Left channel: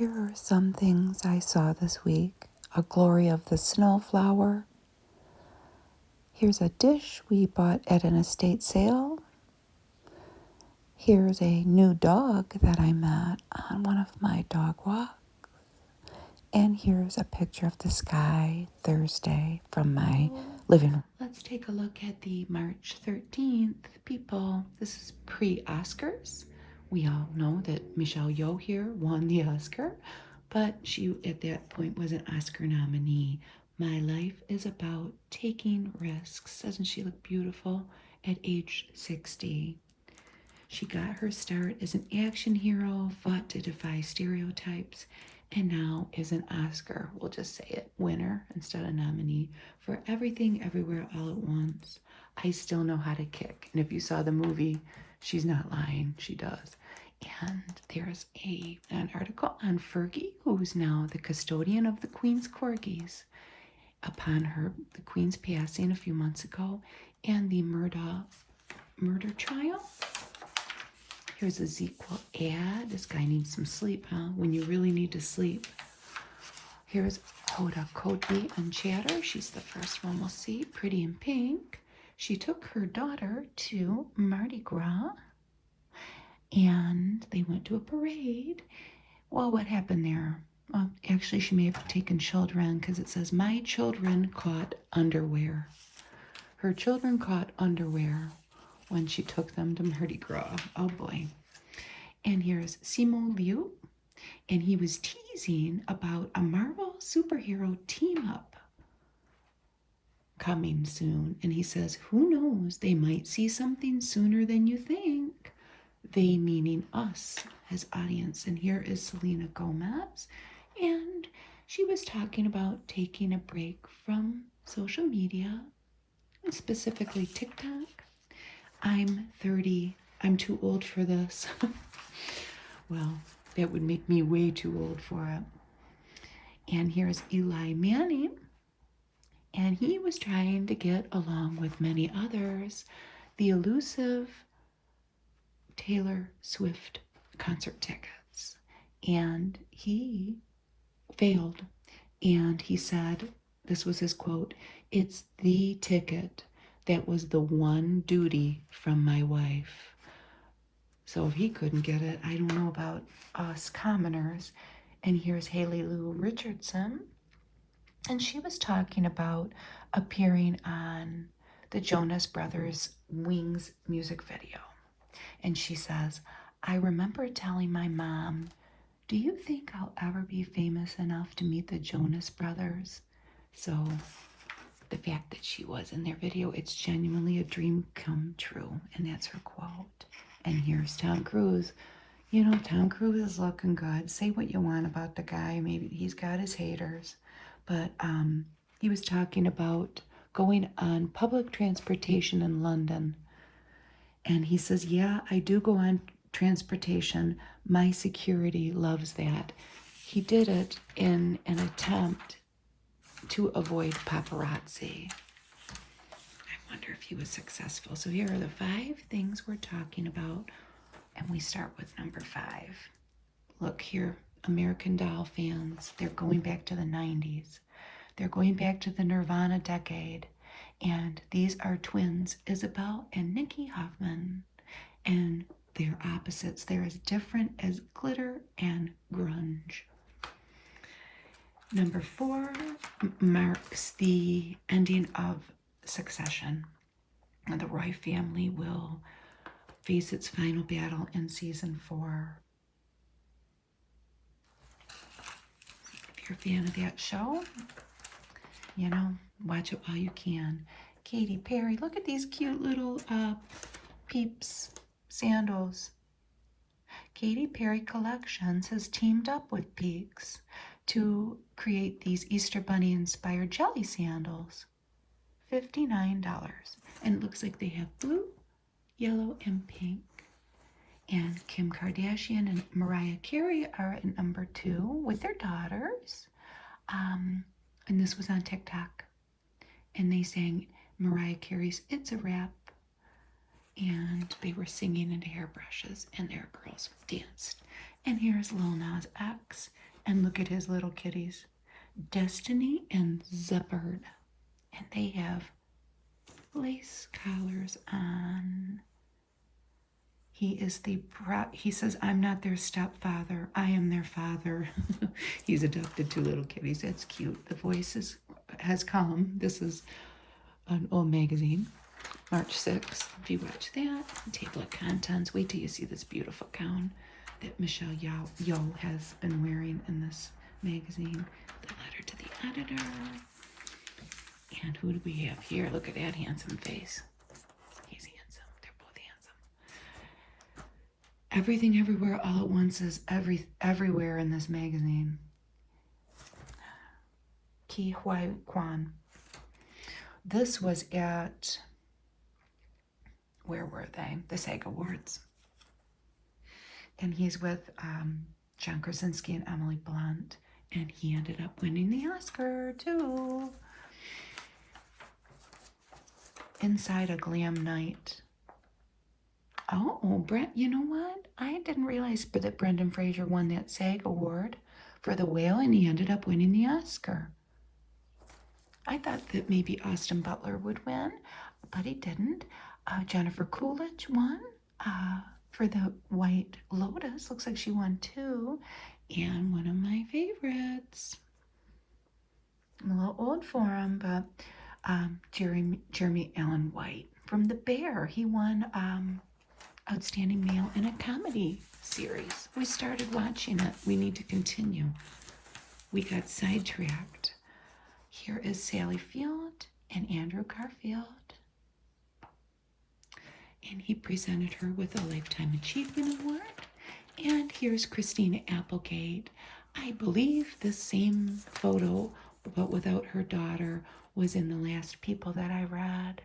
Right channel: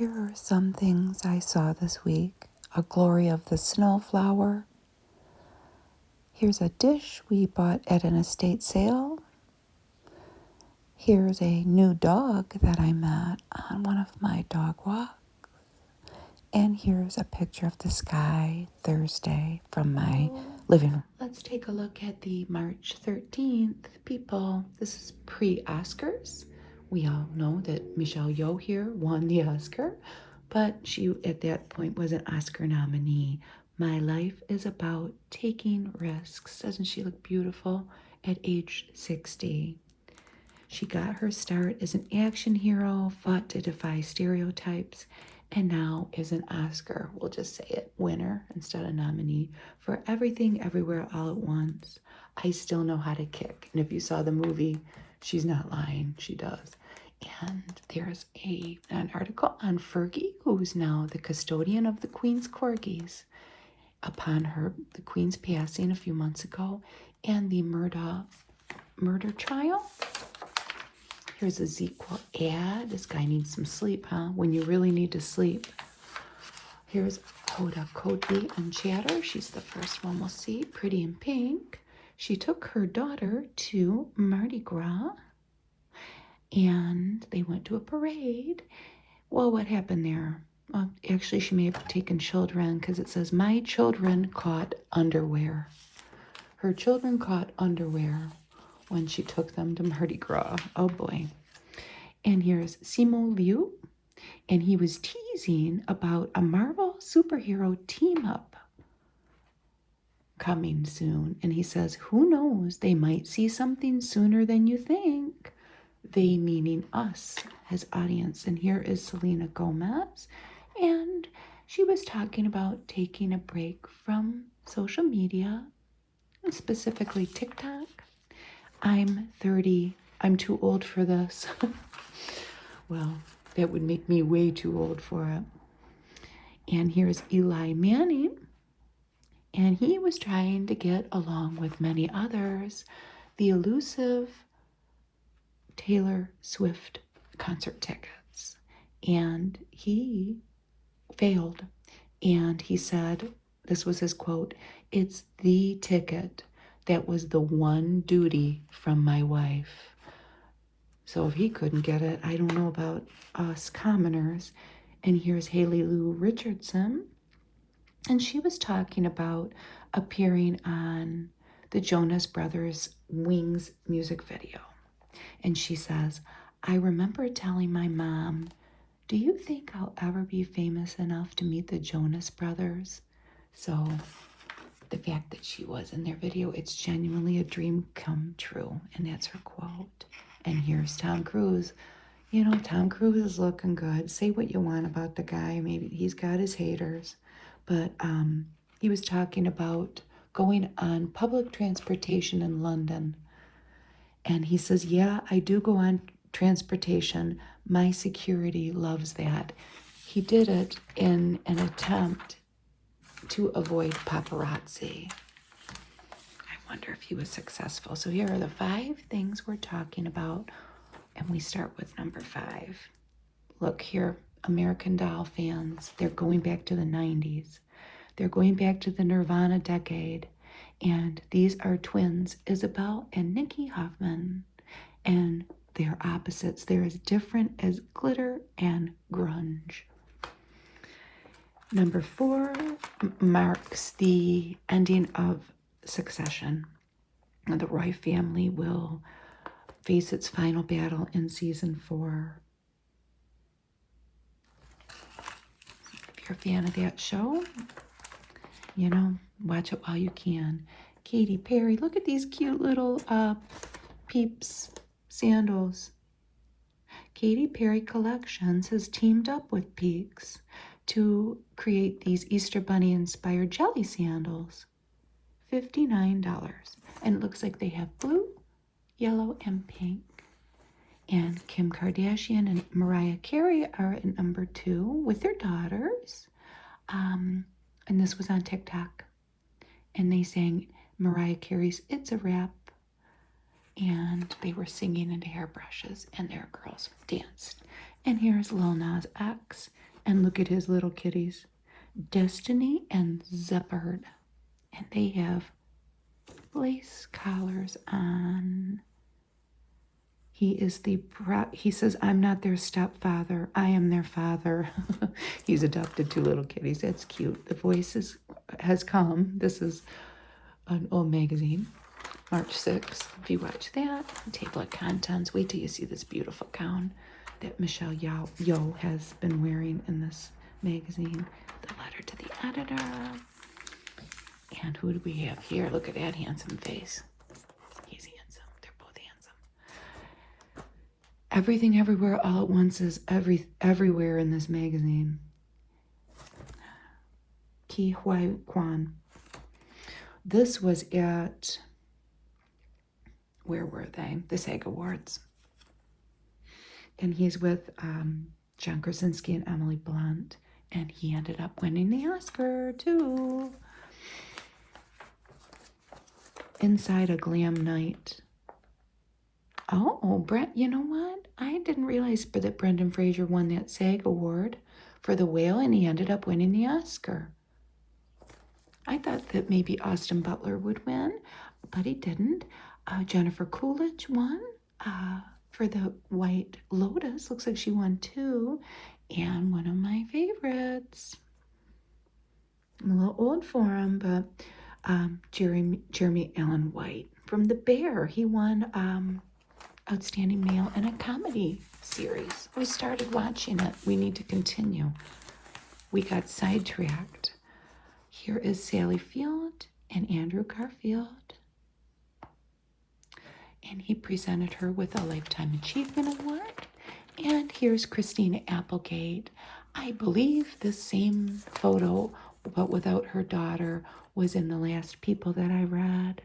Here are some things I saw this week. A glory of the snowflower. Here's a dish we bought at an estate sale. Here's a new dog that I met on one of my dog walks. And here's a picture of the sky Thursday from my living room. Let's take a look at the March 13th people. This is pre-Oscars. We all know that Michelle Yeoh here won the Oscar, but she at that point was an Oscar nominee. My life is about taking risks. Doesn't she look beautiful at age 60? She got her start as an action hero, fought to defy stereotypes, and now is an Oscar, we'll just say it, winner instead of nominee for Everything Everywhere All at Once. I still know how to kick. And if you saw the movie, she's not lying, she does. And there's an article on Fergie, who's now the custodian of the Queen's Corgis, upon the Queen's passing a few months ago, and the murder trial. Here's a ZQL ad. This guy needs some sleep, huh? When you really need to sleep. Here's Hoda Kotb and Chatter. She's the first one we'll see. Pretty in pink. She took her daughter to Mardi Gras, and they went to a parade. Well, what happened there? Well, actually, she may have taken children, because it says, my children caught underwear. Her children caught underwear when she took them to Mardi Gras. Oh boy. And here's Simu Liu, and he was teasing about a Marvel superhero team-up coming soon. And he says, who knows, they might see something sooner than you think. They meaning us as audience. And here is Selena Gomez, and she was talking about taking a break from social media, and specifically TikTok. I'm 30. I'm too old for this. Well, that would make me way too old for it. And here's Eli Manning. And he was trying to get, along with many others, the elusive Taylor Swift concert tickets. And he failed. And he said, this was his quote, "It's the ticket. That was the one duty from my wife." So if he couldn't get it, I don't know about us commoners. And here's Haley Lou Richardson. And she was talking about appearing on the Jonas Brothers' Wings music video. And she says, I remember telling my mom, do you think I'll ever be famous enough to meet the Jonas Brothers? So the fact that she was in their video, it's genuinely a dream come true. And that's her quote. And here's Tom Cruise. You know, Tom Cruise is looking good. Say what you want about the guy. Maybe he's got his haters. But he was talking about going on public transportation in London. And he says, yeah, I do go on transportation. My security loves that. He did it in an attempt to avoid paparazzi. I wonder if he was successful. So here are the 5 things we're talking about. And we start with number 5. Look here, American Doll fans. They're going back to the 90s. They're going back to the Nirvana decade. And these are twins, Isabel and Nikki Hoffman. And they're opposites. They're as different as glitter and grunge. Number 4 marks the ending of Succession. Now, the Roy family will face its final battle in season 4. If you're a fan of that show, you know, watch it while you can. Katy Perry, look at these cute little Peeps sandals. Katy Perry Collections has teamed up with Peeps to create these Easter Bunny inspired jelly sandals. $59. And it looks like they have blue, yellow, and pink. And Kim Kardashian and Mariah Carey are at number 2 with their daughters. And this was on TikTok. And they sang Mariah Carey's It's a Wrap. And they were singing into hairbrushes, and their girls danced. And here's Lil Nas X. And look at his little kitties, Destiny and Zephyrd. And they have lace collars on. He says, I'm not their stepfather. I am their father. He's adopted 2 little kitties. That's cute. The Voice has come. This is an old magazine, March 6th. If you watch that, table of contents, wait till you see this beautiful gown that Michelle Yeoh has been wearing in this magazine. The letter to the editor. And who do we have here? Look at that handsome face. He's handsome. They're both handsome. Everything Everywhere All at Once is everywhere in this magazine. Ki Huai Kwan. This was at, where were they? The SAG Awards. And he's with John Krasinski and Emily Blunt. And he ended up winning the Oscar, too. Inside a Glam Night. Oh, Brent, you know what? I didn't realize that Brendan Fraser won that SAG Award for The Whale, and he ended up winning the Oscar. I thought that maybe Austin Butler would win, but he didn't. Jennifer Coolidge won for The White Lotus. Looks like she won too. And one of my favorites. I'm a little old for him, but Jeremy Allen White from The Bear. He won Outstanding Male in a Comedy Series. We started watching it. We need to continue. We got sidetracked. Here is Sally Field and Andrew Garfield. And he presented her with a Lifetime Achievement Award. And here's Christina Applegate. I believe the same photo, but without her daughter, was in the last People that I read.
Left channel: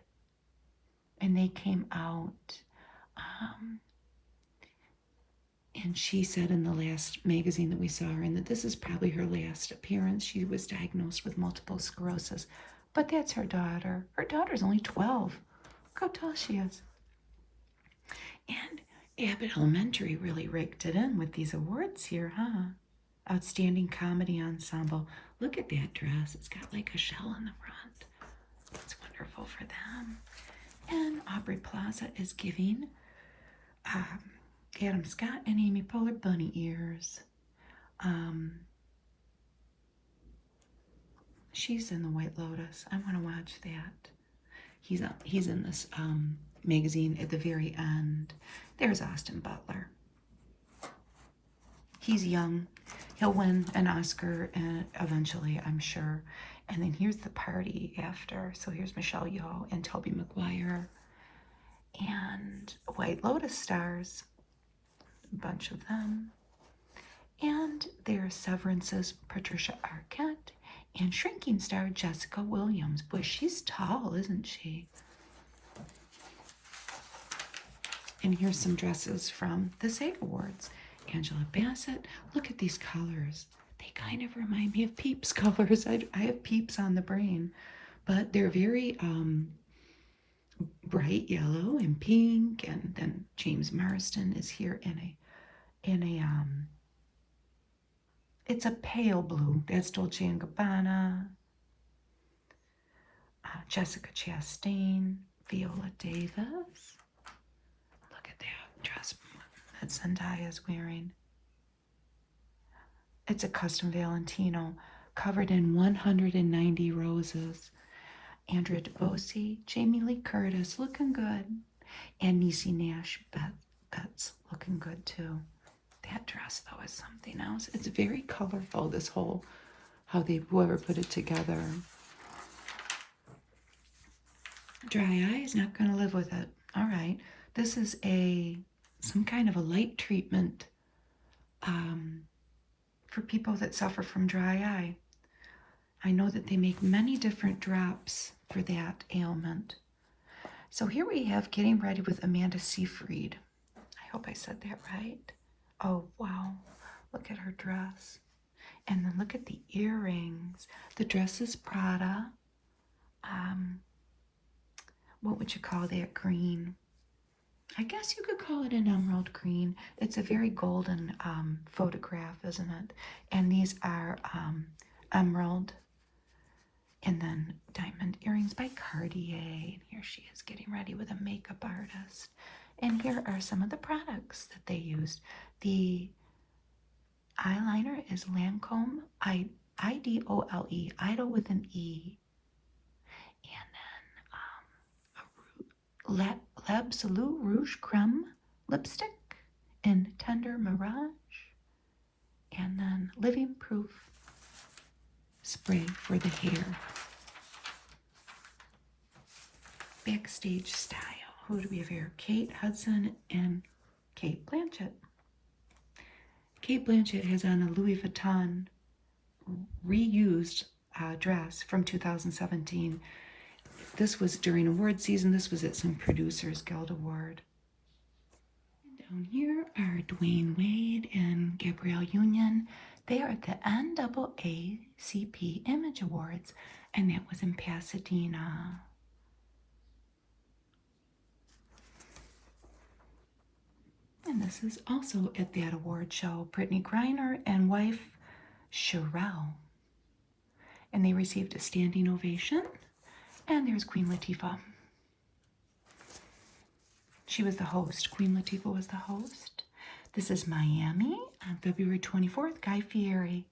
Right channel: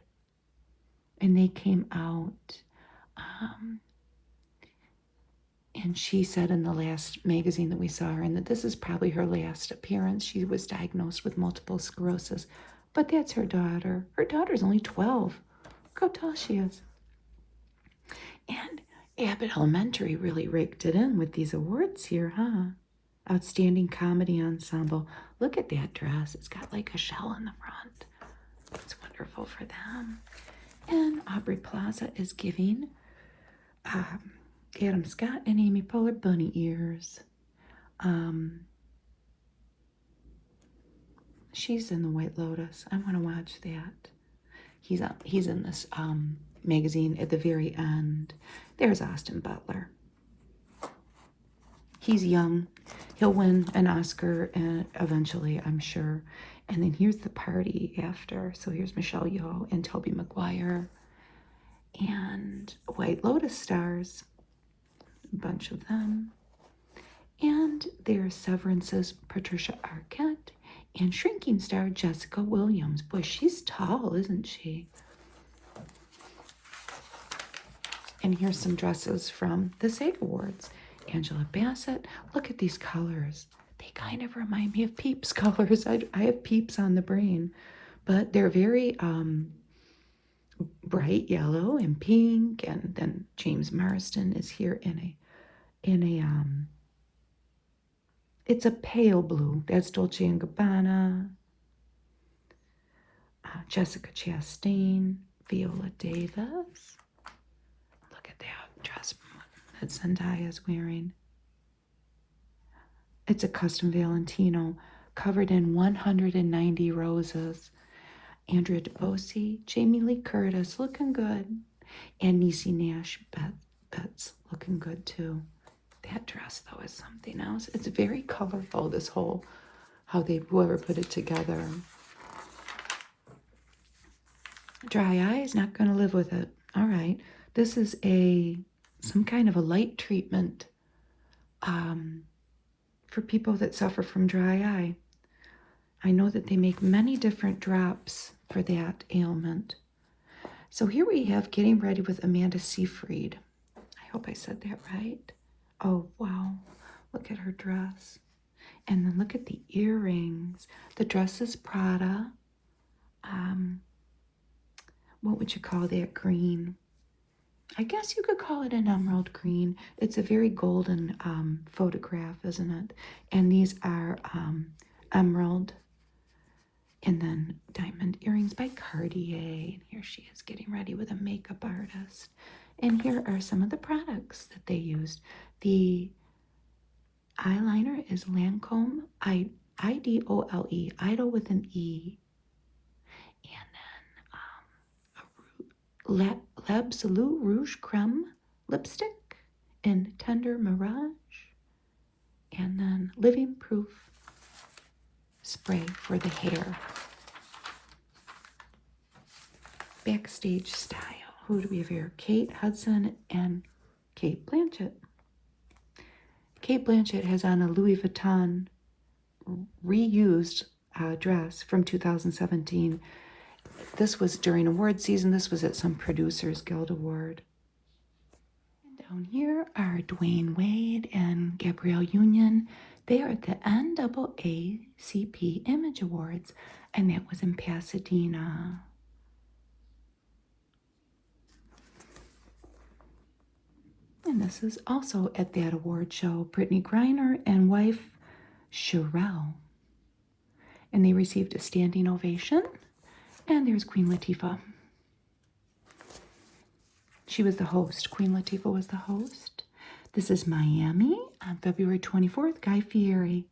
And they came out. And she said in the last magazine that we saw her in that this is probably her last appearance. She was diagnosed with multiple sclerosis. But that's her daughter. Her daughter's only 12. Look how tall she is. And Abbott Elementary really raked it in with these awards here, huh? Outstanding Comedy Ensemble. Look at that dress. It's got like a shell in the front. It's wonderful for them. And Aubrey Plaza is giving Adam Scott and Amy Poehler bunny ears. She's in The White Lotus. I want to watch that. He's in this magazine at the very end. There's Austin Butler. He's young. He'll win an Oscar eventually, I'm sure. And then here's the party after. So here's Michelle Yeoh and Tobey Maguire and White Lotus stars. A bunch of them. And there's Severance's Patricia Arquette and Shrinking star Jessica Williams. Boy, she's tall, isn't she? And here's some dresses from the SAG Awards. Angela Bassett. Look at these colors. They kind of remind me of Peeps colors. I have Peeps on the brain, but they're very bright yellow and pink. And then James Marsden is here in a it's a pale blue. That's Dolce & Gabbana. Jessica Chastain, Viola Davis. Look at that dress that Zendaya is wearing. It's a custom Valentino covered in 190 roses. Andrea DeBosi, Jamie Lee Curtis looking good. And Niecy Nash Betts looking good too. That dress though is something else. It's very colorful, this whole, whoever put it together. Dry eyes, not going to live with it. All right. This is some kind of a light treatment for people that suffer from dry eye. I know that they make many different drops for that ailment. So here we have Getting Ready with Amanda Seyfried. I hope I said that right. Oh, wow. Look at her dress. And then look at the earrings. The dress is Prada. What would you call that green? I guess you could call it an emerald green. It's a very golden photograph, isn't it? And these are emerald and then diamond earrings by Cartier. Here she is getting ready with a makeup artist. And here are some of the products that they used. The eyeliner is Lancome, Idole, Idol with an E. And then L'Absolute Rouge Creme lipstick in Tender Mirage. And then Living Proof spray for the hair. Backstage style. Who do we have here? Kate Hudson and Kate Blanchett. Kate Blanchett has on a Louis Vuitton reused dress from 2017. This was during award season. This was at some Producers Guild Award. And down here are Dwayne Wade and Gabrielle Union. They are at the NAACP Image Awards, and that was in Pasadena. And this is also at that award show, Brittany Griner and wife Sherelle. And they received a standing ovation. And there's Queen Latifah. She was the host. Queen Latifah was the host. This is Miami on February 24th, Guy Fieri.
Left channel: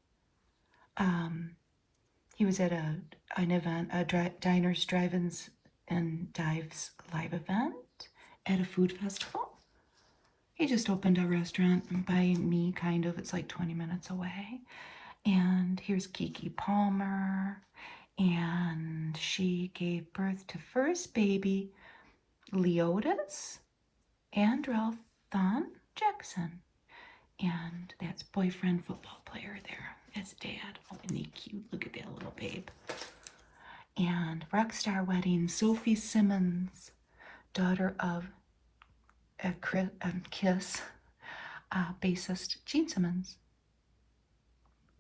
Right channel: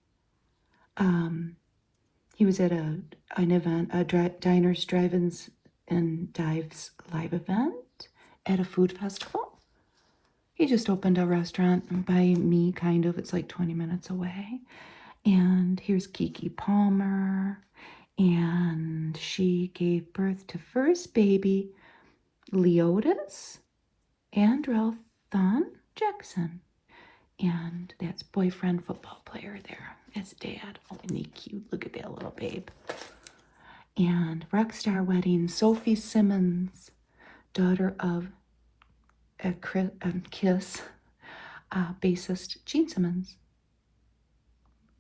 He was at an event, Diners, Drive-Ins, and Dives live event at a food festival. He just opened a restaurant by me, kind of. It's like 20 minutes away. And here's Keke Palmer. And she gave birth to first baby, Leotis Andrell Thon Jackson. And that's boyfriend football player there. That's dad. Oh, isn't he cute? Look at that little babe. And Rockstar Wedding, Sophie Simmons, daughter of Kiss bassist Gene Simmons,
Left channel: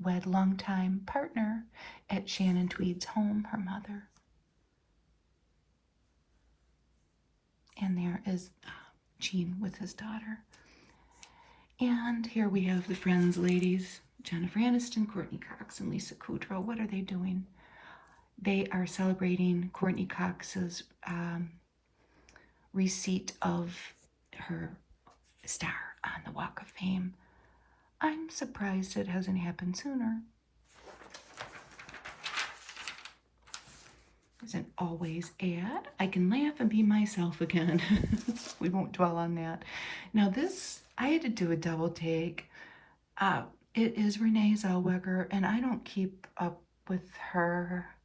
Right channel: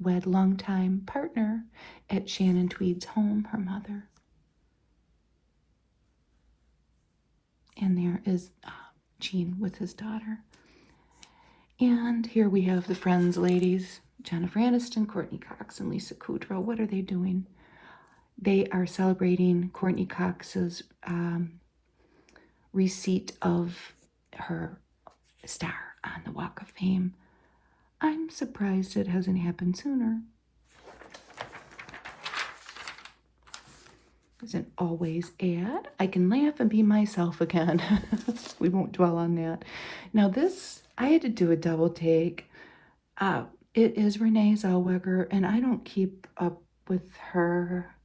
wed longtime partner at Shannon Tweed's home, her mother. And there is Gene with his daughter. And here we have the Friends ladies, Jennifer Aniston, Courtney Cox, and Lisa Kudrow. What are they doing? They are celebrating Courtney Cox's receipt of her star on the Walk of Fame. I'm surprised it hasn't happened sooner. Doesn't always add. I can laugh and be myself again. We won't dwell on that. Now this, I had to do a double take. It is Renee Zellweger, and I don't keep up with her,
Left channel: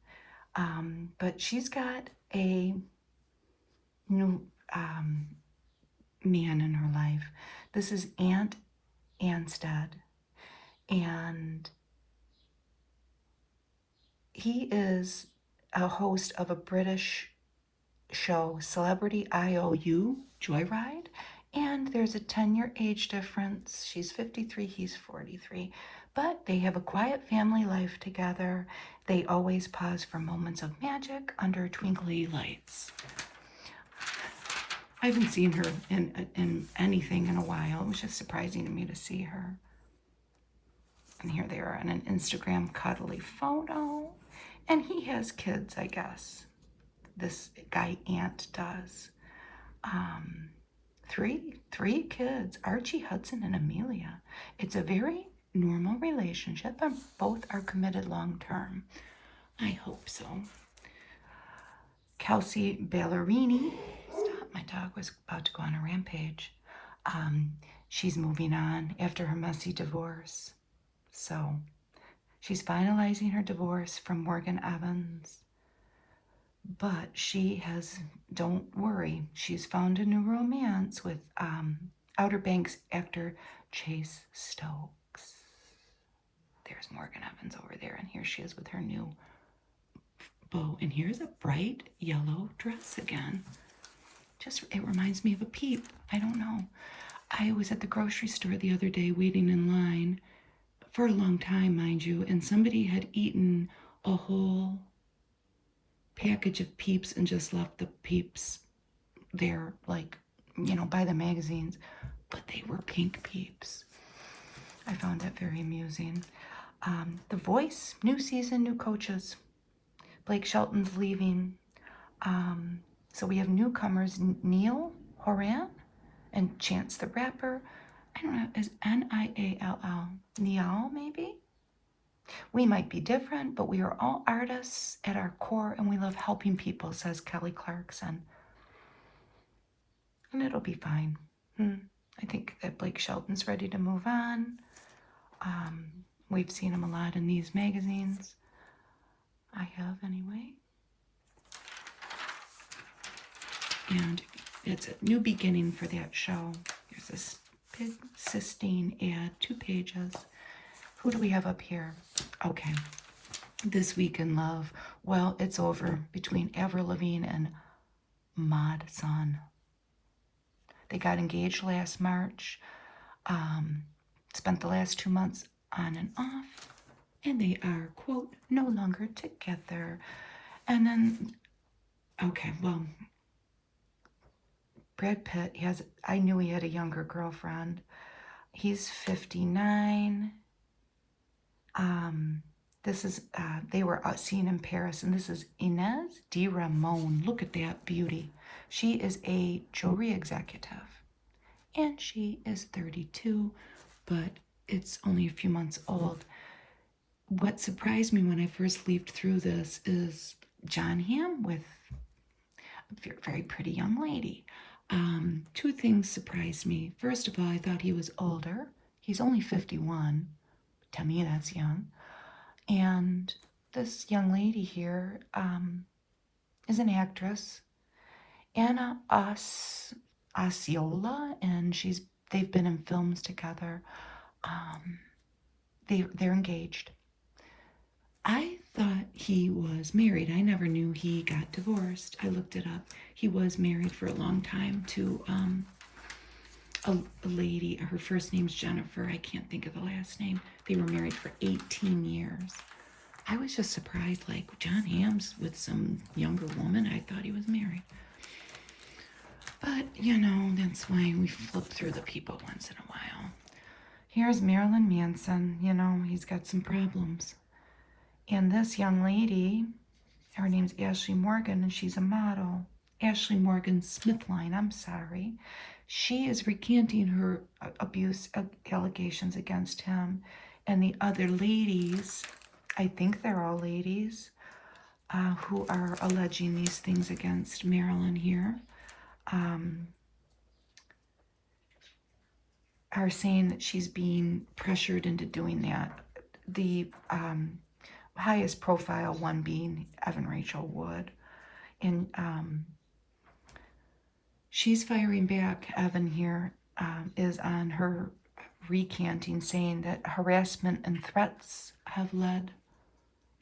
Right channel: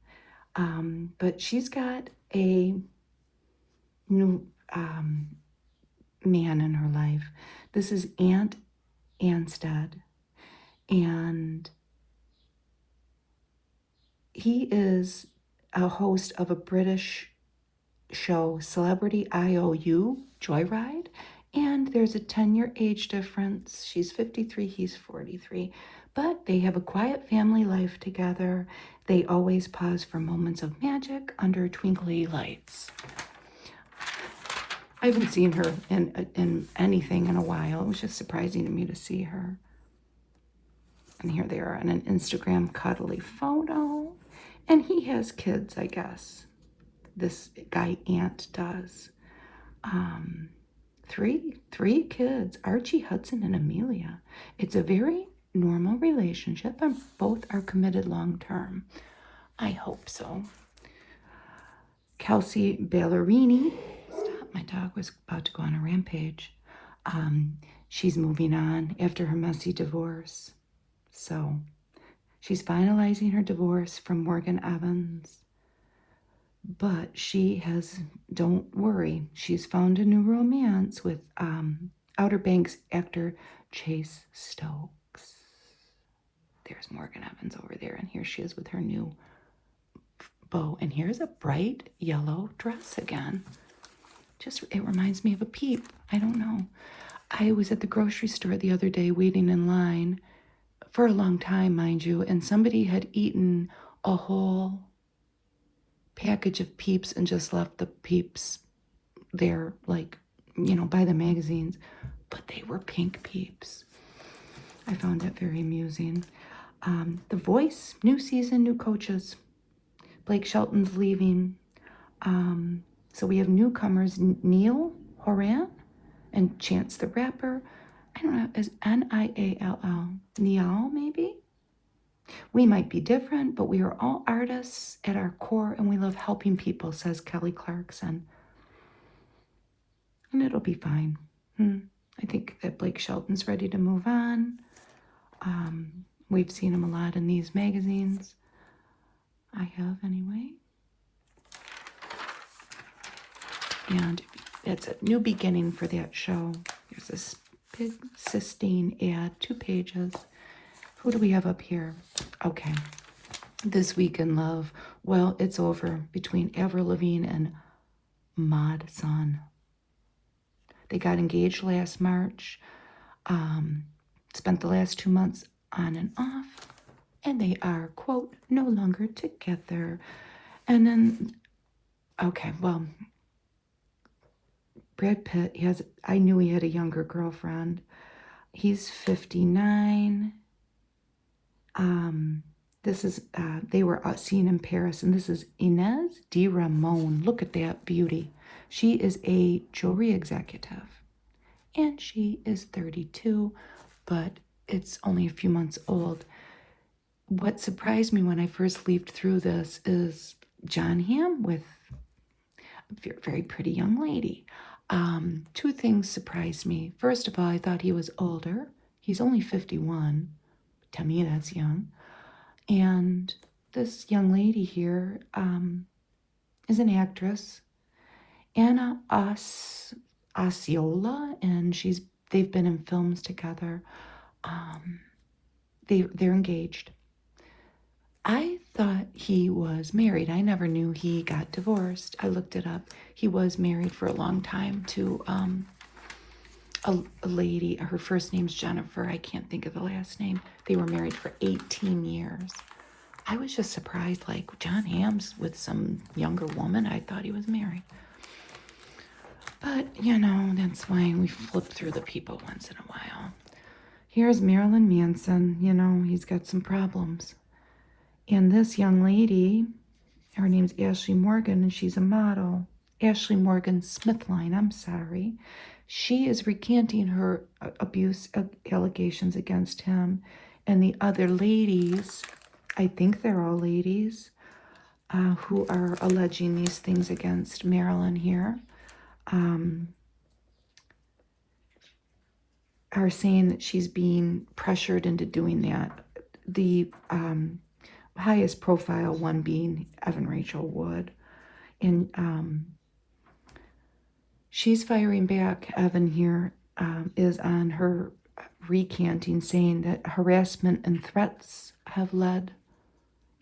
but she's got a new man in her life. This is Ant Anstead, and he is a host of a British show, Celebrity IOU, Joyride, and there's a 10-year age difference. She's 53, he's 43, but they have a quiet family life together. They always pause for moments of magic under twinkly lights. I haven't seen her in anything in a while. It was just surprising to me to see her. And here they are in an Instagram cuddly photo. And he has kids, I guess. This guy Ant does. Three kids, Archie, Hudson, and Amelia. It's a very normal relationship, and both are committed long term. I hope so. Kelsey Ballerini. My dog was about to go on a rampage. She's moving on after her messy divorce. So she's finalizing her divorce from Morgan Evans. But she has, don't worry, she's found a new romance with Outer Banks actor Chase Stokes. There's Morgan Evans over there, and here she is with her new beau. And here's a bright yellow dress again. It reminds me of a Peep. I don't know. I was at the grocery store the other day waiting in line for a long time, mind you, and somebody had eaten a whole package of Peeps and just left the Peeps there, like, by the magazines. But they were pink Peeps. I found that very amusing. The Voice, new season, new coaches. Blake Shelton's leaving. So we have newcomers, Neil Horan and Chance the Rapper. I don't know, is Niall, Niall maybe? We might be different, but we are all artists at our core, and we love helping people, says Kelly Clarkson. And it'll be fine. I think that Blake Shelton's ready to move on. We've seen him a lot in these magazines. I have, anyway. And it's a new beginning for that show. There's this big Sistine ad, 2 pages. Who do we have up here? Okay. This Week in Love. Well, it's over between Avril Lavigne and Mod Sun. They got engaged last March. Spent the last 2 months on and off. And they are, quote, no longer together. And then, okay, well, Brad Pitt I knew he had a younger girlfriend. He's 59. This is, they were seen in Paris, and this is Inez de Ramon. Look at that beauty. She is a jewelry executive, and she is 32, but it's only a few months old. What surprised me when I first leafed through this is John Hamm with a very pretty young lady. 2 things surprised me. First of all, I thought he was older. He's only 51. To me, that's young. And this young lady here is an actress, Anna Osceola, and they've been in films together. They're engaged. I thought he was married. I never knew he got divorced. I looked it up. He was married for a long time to a lady. Her first name's Jennifer. I can't think of the last name. They were married for 18 years. I was just surprised, like, John Hamm's with some younger woman. I thought he was married. But, that's why we flip through the people once in a while. Here's Marilyn Manson. He's got some problems. And this young lady, her name's Ashley Morgan, and she's a model. Ashley Morgan Smithline, I'm sorry. She is recanting her abuse allegations against him. And the other ladies, I think they're all ladies, who are alleging these things against Marilyn here, are saying that she's being pressured into doing that. The highest profile one being Evan Rachel Wood. And she's firing back. Evan here is on her recanting, saying that harassment and threats have led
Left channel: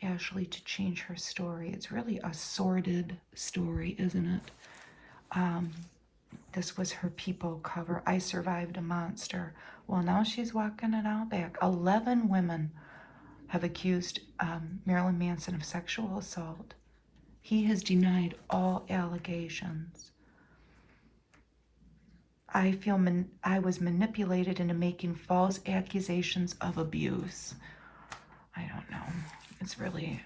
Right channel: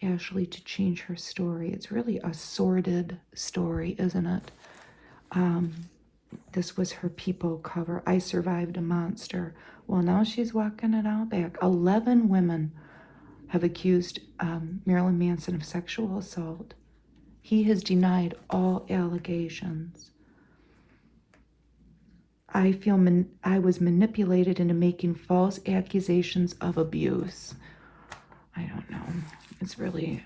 Ashley to change her story. It's really a sordid story, isn't it? This was her People cover. I survived a monster. Well, now she's walking it out back. 11 women have accused Marilyn Manson of sexual assault. He has denied all allegations. I feel I was manipulated into making false accusations of abuse. I don't know. It's really,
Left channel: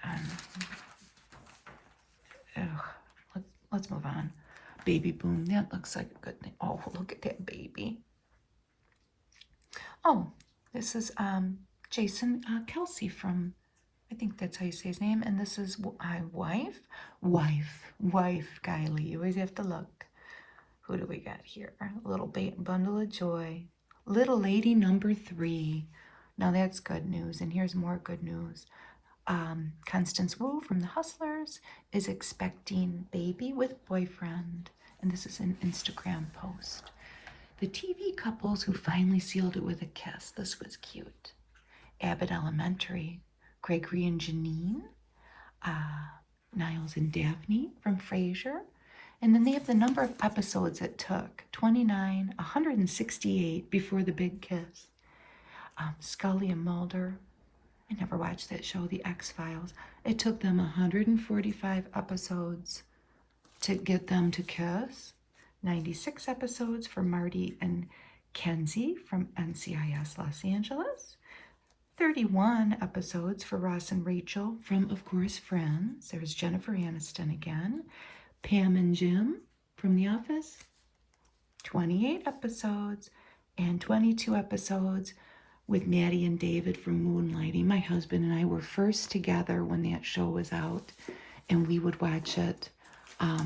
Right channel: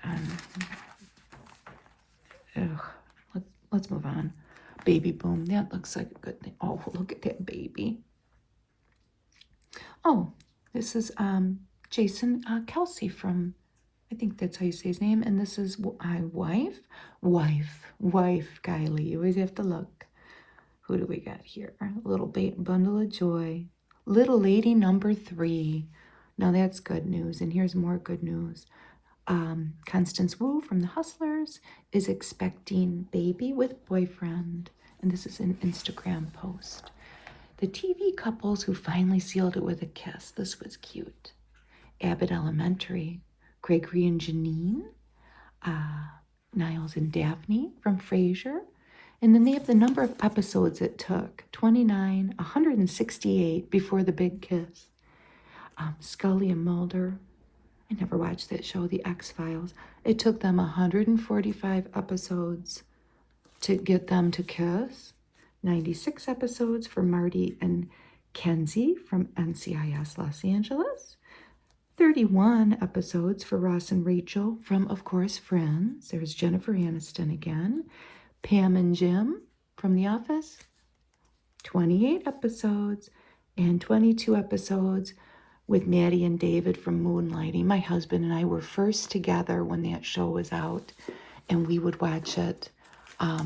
let's move on. Baby boom. That looks like a good thing. Oh, look at that baby. Oh, this is Jason Kelsey from, I think that's how you say his name. And this is my wife, Kylie. You always have to look. Who do we got here? Little bundle of joy. Little lady number 3. Now that's good news. And here's more good news. Constance Wu from The Hustlers is expecting baby with boyfriend. And this is an Instagram post. The TV couples who finally sealed it with a kiss. This was cute. Abbott Elementary. Gregory and Janine. Niles and Daphne from Frasier. And then they have the number of episodes it took. 29, 168 before the big kiss. Scully and Mulder. I never watched that show, The X-Files. It took them 145 episodes to get them to kiss. 96 episodes for Marty and Kenzie from NCIS Los Angeles. 31 episodes for Ross and Rachel from, of course, Friends. There's Jennifer Aniston again. Pam and Jim from The Office. 28 episodes and 22 episodes with Maddie and David from Moonlighting. My husband and I were first together when that show was out, and we would watch it. I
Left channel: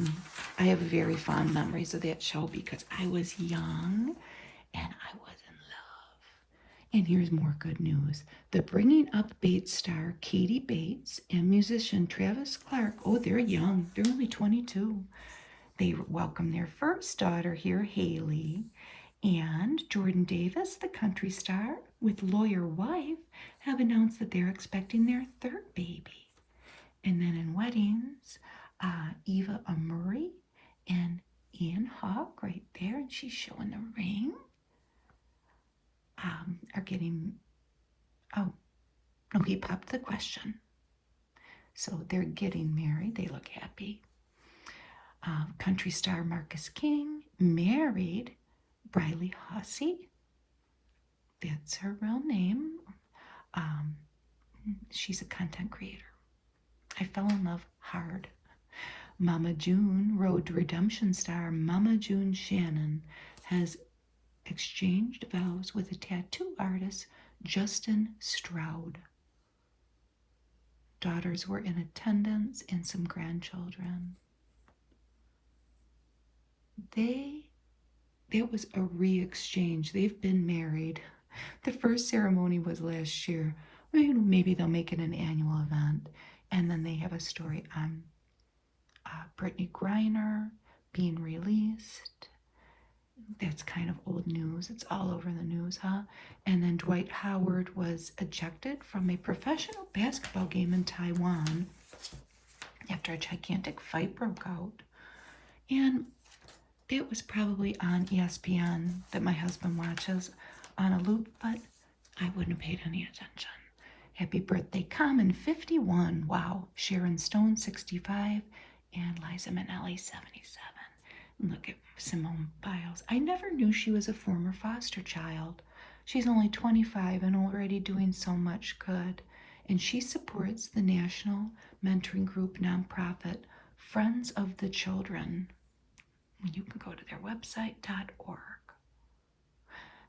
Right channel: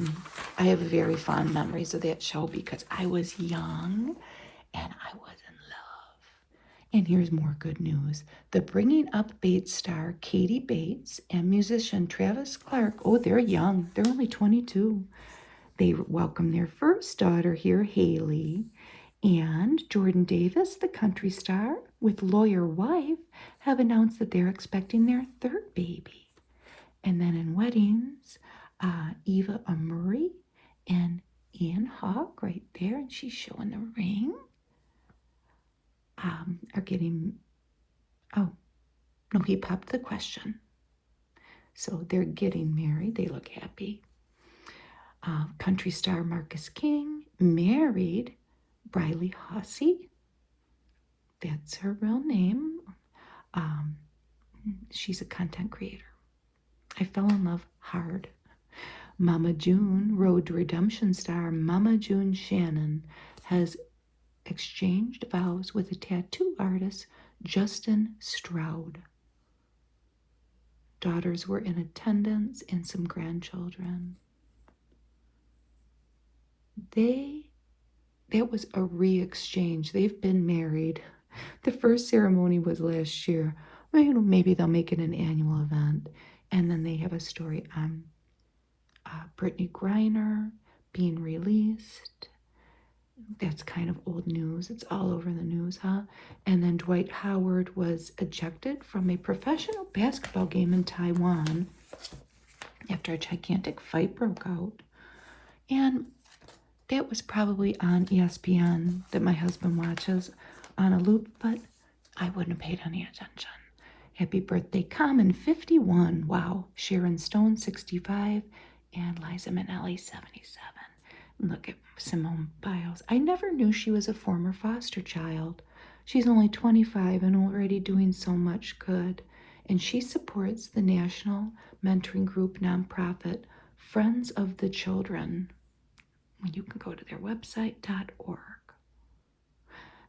have very fond memories of that show because I was young and I was in love. And here's more good news. The Bringing Up Bates star Katie Bates and musician Travis Clark, oh, they're young. They're only 22. They welcome their first daughter here, Haley. And Jordan Davis, the country star, with lawyer wife, have announced that they're expecting their third baby. And then in weddings, Eva Murray and Ian Hawke right there, and she's showing the ring, are getting, oh, no, he popped the question. So they're getting married. They look happy. Country star Marcus King married Briley Hussey. That's her real name. She's a content creator. I fell in love hard. Mama June, Road to Redemption star Mama June Shannon, has exchanged vows with a tattoo artist, Justin Stroud. Daughters were in attendance and some grandchildren. That was a re-exchange. They've been married. The first ceremony was last year. Well, maybe they'll make it an annual event. And then they have a story on Brittany Griner being released. That's kind of old news. It's all over the news, huh? And then Dwight Howard was ejected from a professional basketball game in Taiwan after a gigantic fight broke out. And that was probably on ESPN that my husband watches on a loop, but I wouldn't have paid any attention. Happy birthday, Common, 51. Wow. Sharon Stone, 65. And Liza Minnelli, 77. Look at Simone Biles. I never knew she was a former foster child. She's only 25 and already doing so much good. And she supports the national mentoring group nonprofit Friends of the Children. You can go to their website.org.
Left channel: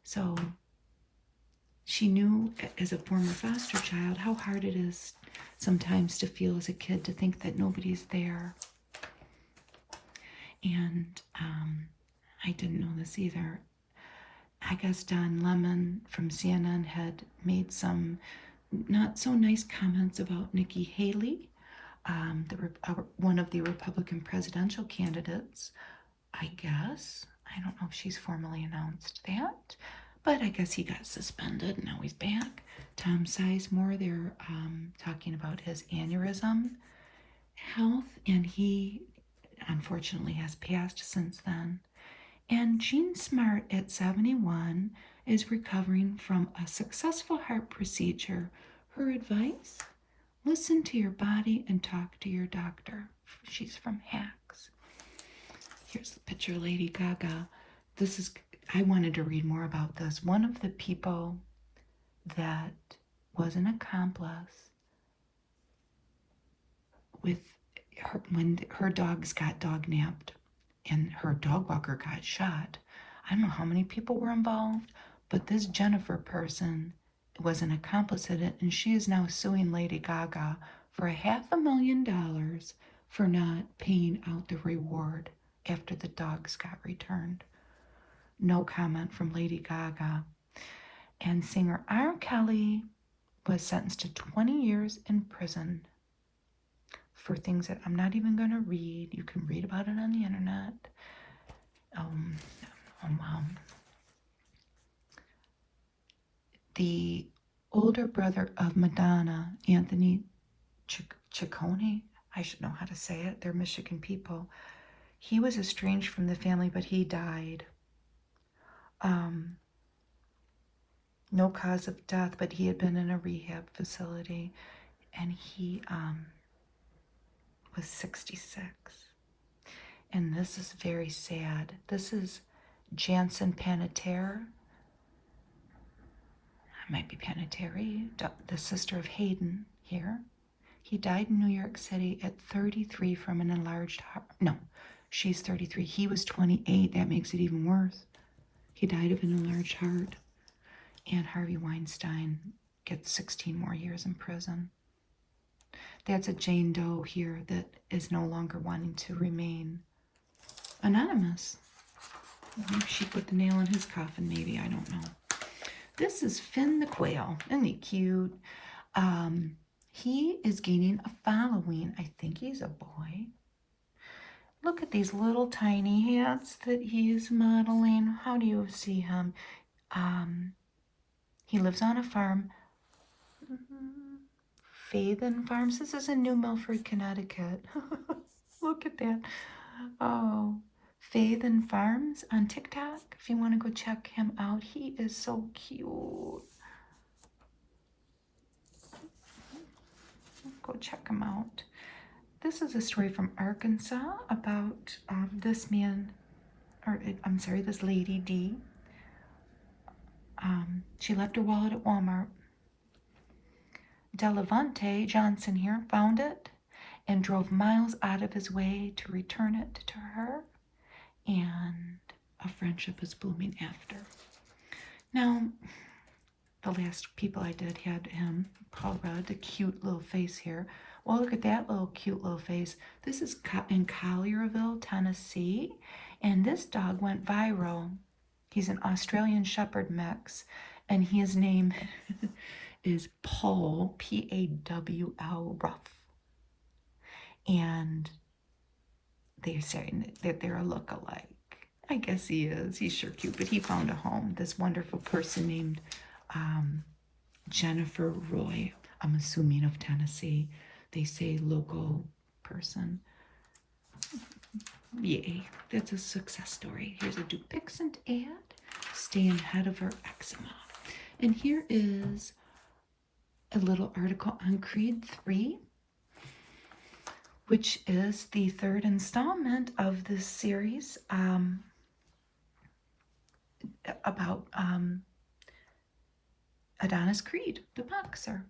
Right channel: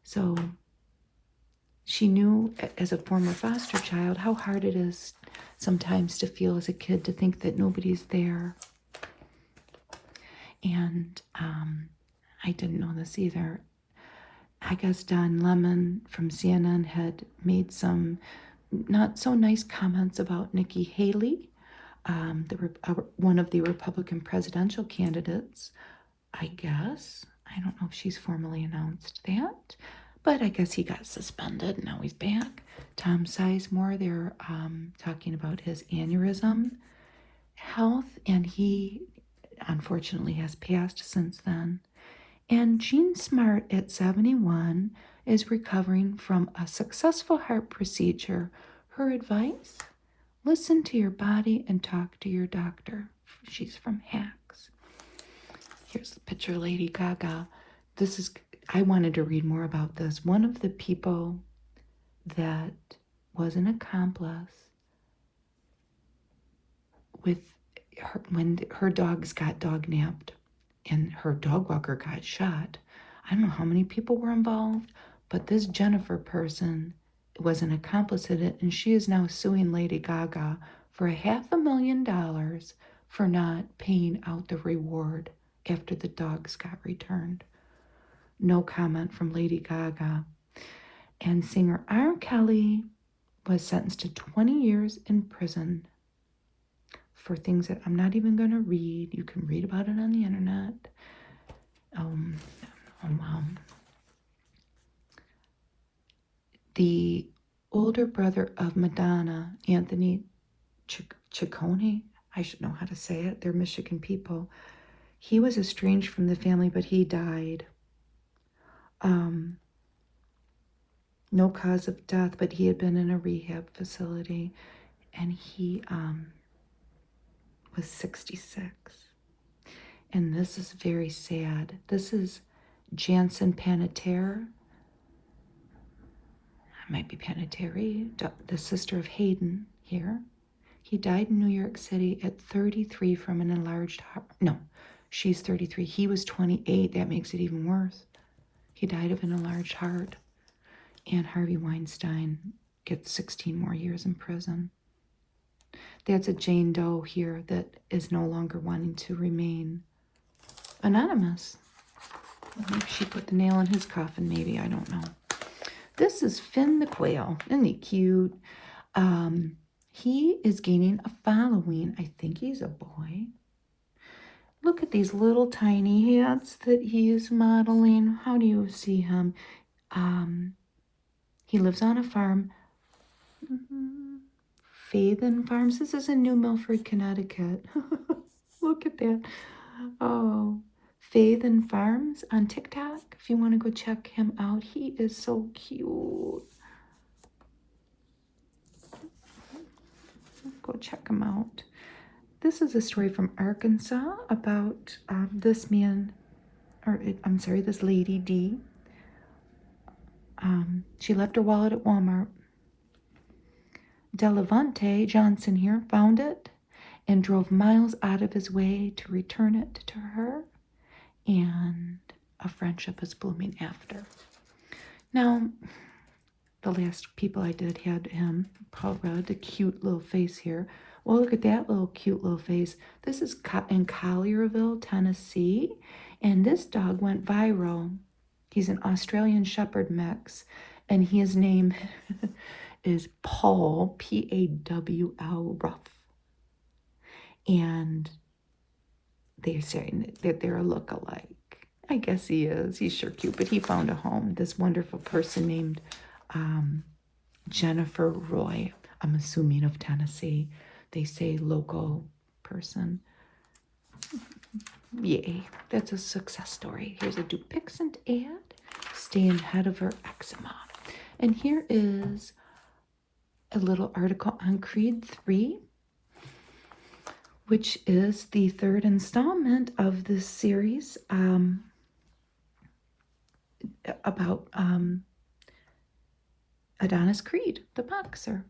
So she knew as a former foster child how hard it is sometimes to feel as a kid to think that nobody's there. And I didn't know this either. I guess Don Lemon from CNN had made some not so nice comments about Nikki Haley, one of the Republican presidential candidates. I guess. I don't know if she's formally announced that, but I guess he got suspended and now he's back. Tom Sizemore, they're talking about his aneurysm health, and he unfortunately has passed since then. And Jean Smart at 71 is recovering from a successful heart procedure. Her advice: listen to your body and talk to your doctor. She's from Hacks. Here's the picture of Lady Gaga. I wanted to read more about this. One of the people that was an accomplice with her, when her dogs got dog napped and her dog walker got shot. I don't know how many people were involved, but this Jennifer person was an accomplice in it, and she is now suing Lady Gaga for $500,000 for not paying out the reward after the dogs got returned. No comment from Lady Gaga. And singer R. Kelly was sentenced to 20 years in prison for things that I'm not even going to read. You can read about it on the internet. The older brother of Madonna, Anthony Ciccone, I should know how to say it. They're Michigan people. He was estranged from the family, but he died. No cause of death, but he had been in a rehab facility, and he was 66. And this is very sad. This is Jansen Panettiere. Maybe Panettiere, the sister of Hayden here. He died in New York City at 33 from an enlarged heart. No, she's 33. He was 28. That makes it even worse. He died of an enlarged heart. And Harvey Weinstein gets 16 more years in prison. That's a Jane Doe here that is no longer wanting to remain anonymous. I think she put the nail in his coffin, maybe. I don't know. This is Finn the Quail. Isn't he cute? He is gaining a following. I think he's a boy. Look at these little tiny hats that he is modeling. How do you see him? He lives on a farm. Faithen Farms. This is in New Milford, Connecticut. Look at that. Oh, Faithen Farms on TikTok. If you want to go check him out, he is so cute. Go check him out. This is a story from Arkansas about this man, or I'm sorry, this lady, Dee. She left her wallet at Walmart. Delavante Johnson here found it and drove miles out of his way to return it to her, and a friendship is blooming after. Now, the last people I did had him, Paul Rudd, the cute little face here. Well, look at that little cute little face. This is in Collierville, Tennessee, and this dog went viral. He's an Australian Shepherd mix, and his name is Paul, P-A-W-L, Ruff. And they're saying that they're a look-alike. I guess he is. He's sure cute, but he found a home. This wonderful person named Jennifer Roy, I'm assuming of Tennessee. They say local person. Yay, that's a success story. Here's a Dupixent ad. Staying ahead of her eczema. And here is a little article on Creed 3, which is the third installment of this series about Adonis Creed, the boxer.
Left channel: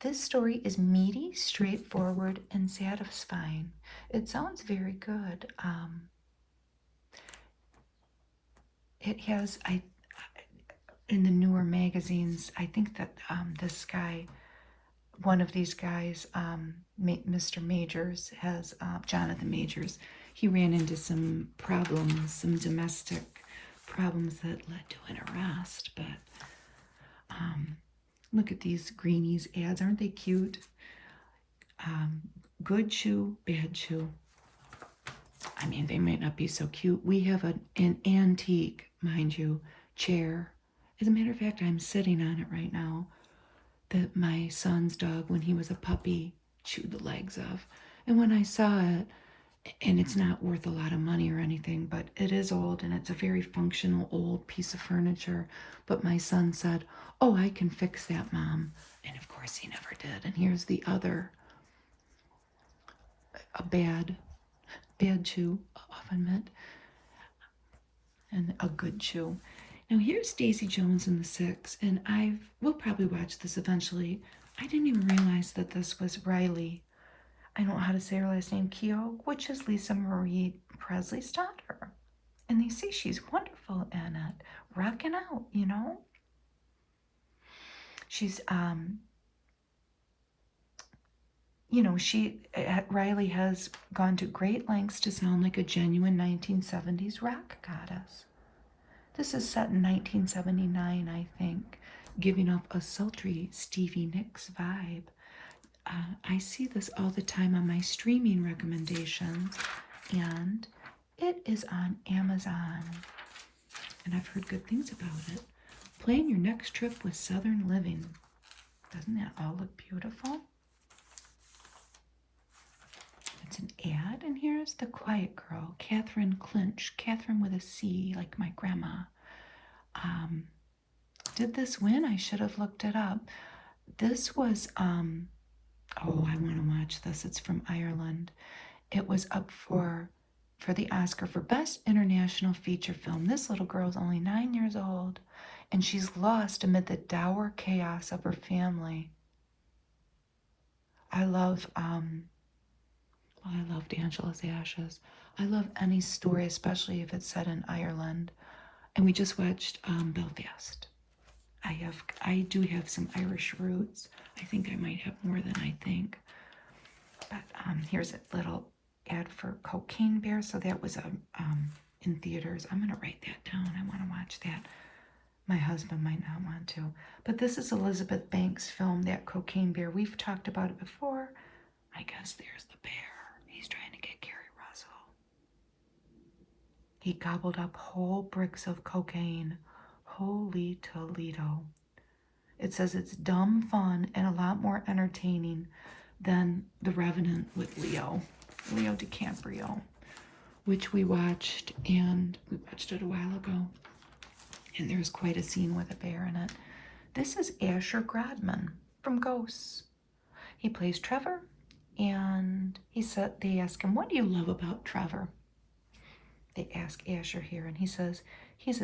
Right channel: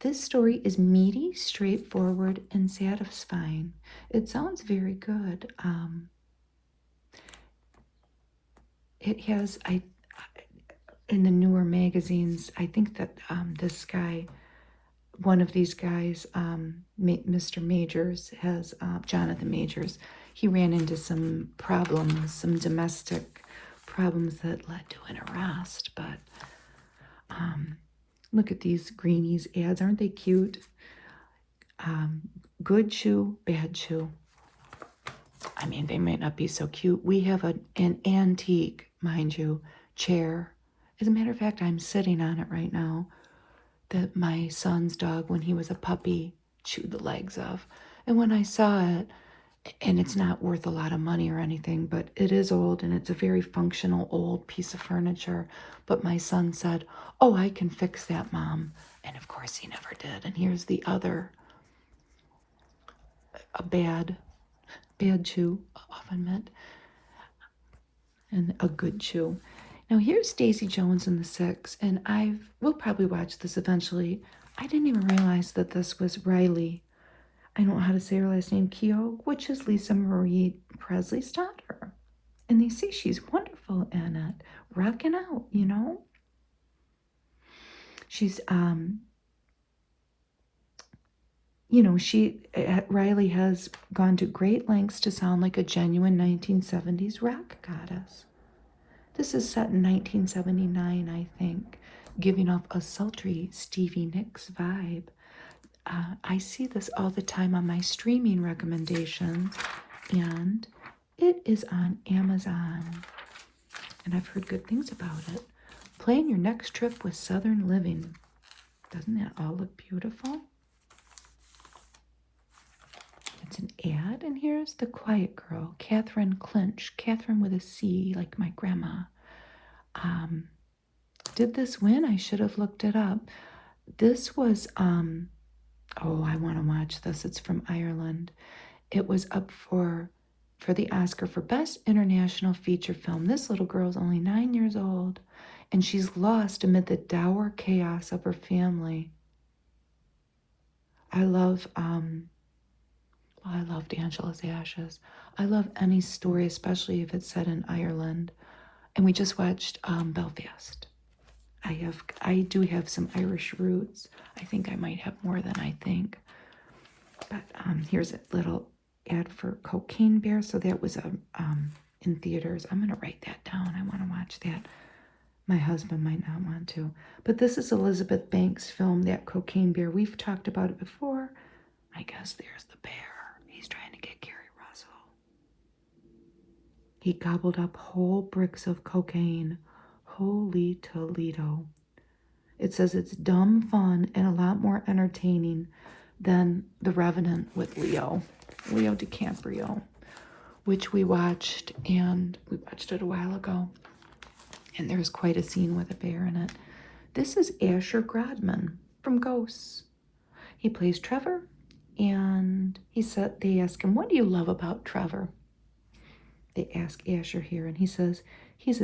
This story is meaty, straightforward, and satisfying. It sounds very good. It has, in the newer magazines, I think that this guy, one of these guys, Mr. Majors, has Jonathan Majors. He ran into some problems, some domestic problems that led to an arrest. But look at these greenies ads. Aren't they cute? Good shoe, bad shoe. I mean, they might not be so cute. We have an antique, mind you, chair. As a matter of fact, I'm sitting on it right now, that my son's dog, when he was a puppy, chewed the legs of. And when I saw it, and it's not worth a lot of money or anything, but it is old, and it's a very functional old piece of furniture. But my son said, "Oh, I can fix that, Mom." And of course he never did. And here's the other, a bad chew, often meant, and a good chew. Now here's Daisy Jones and the Six, and we'll probably watch this eventually. I didn't even realize that this was Riley, I don't know how to say her last name, Yeoh, which is Lisa Marie Presley's daughter. And they say she's wonderful in it, rocking out, you know. She's, Riley has gone to great lengths to sound like a genuine 1970s rap goddess. This is set in 1979, I think, giving off a sultry Stevie Nicks vibe. I see this all the time on my streaming recommendations, and it is on Amazon. And I've heard good things about it. Plan your next trip with Southern Living. Doesn't that all look beautiful? It's an ad, and here's the quiet girl, Catherine Clinch. Catherine with a C, like my grandma. Did this win? I should have looked it up. This was, oh, I want to watch this. It's from Ireland. It was up for the Oscar for Best International Feature Film. This little girl's only 9 years old, and she's lost amid the dour chaos of her family. I loved Angela's Ashes. I love any story, especially if it's set in Ireland. And we just watched Belfast. I do have some Irish roots. I think I might have more than I think. But here's a little ad for Cocaine Bear. So that was in theaters. I'm gonna write that down. I want to watch that. My husband might not want to. But this is Elizabeth Banks' film, That Cocaine Bear. We've talked about it before. I guess there's the bear. He's trying to get Gary Russell. He gobbled up whole bricks of cocaine. Holy Toledo. It says it's dumb fun and a lot more entertaining than The Revenant with Leo DiCaprio, which we watched, and we watched it a while ago. And there's quite a scene with a bear in it. This is Asher Grodman from Ghosts. He plays Trevor, and they ask him, "What do you love about Trevor?" They ask Asher here, and he says, he's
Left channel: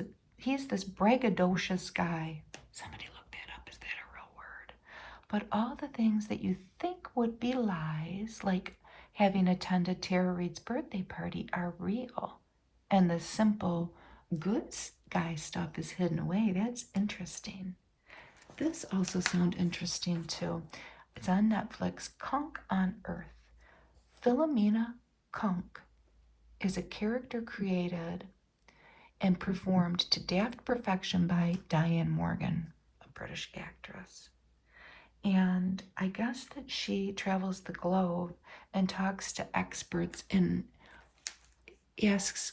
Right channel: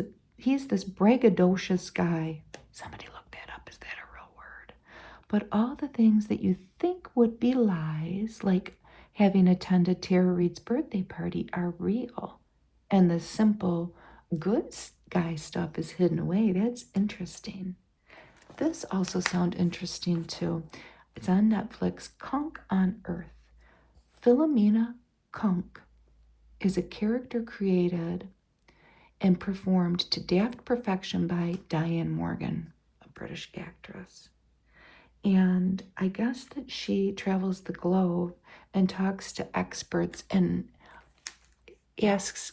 this braggadocious guy. Somebody look that up. Is that a real word? But all the things that you think would be lies, like having attended Tara Reid's birthday party, are real. And the simple good guy stuff is hidden away. That's interesting. This also sounds interesting too. It's on Netflix. Kunk on Earth. Philomena Kunk is a character created and performed to daft perfection by Diane Morgan, a British actress. And I guess that she travels the globe and talks to experts and asks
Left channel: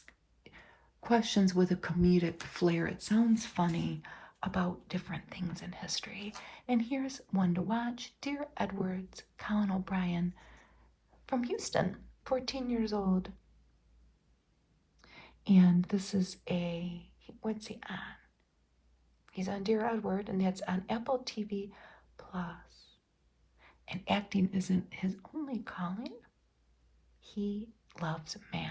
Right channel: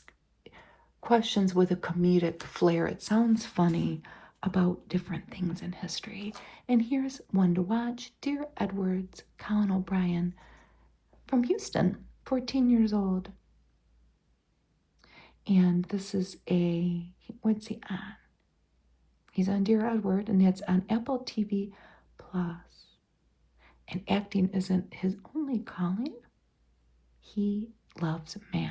questions with a comedic flair. It sounds funny about different things in history. And here's one to watch. Dear Edwards, Colin O'Brien from Houston, 14 years old. And this is what's he on? He's on Dear Edward, and that's on Apple TV Plus. And acting isn't his only calling. He loves math.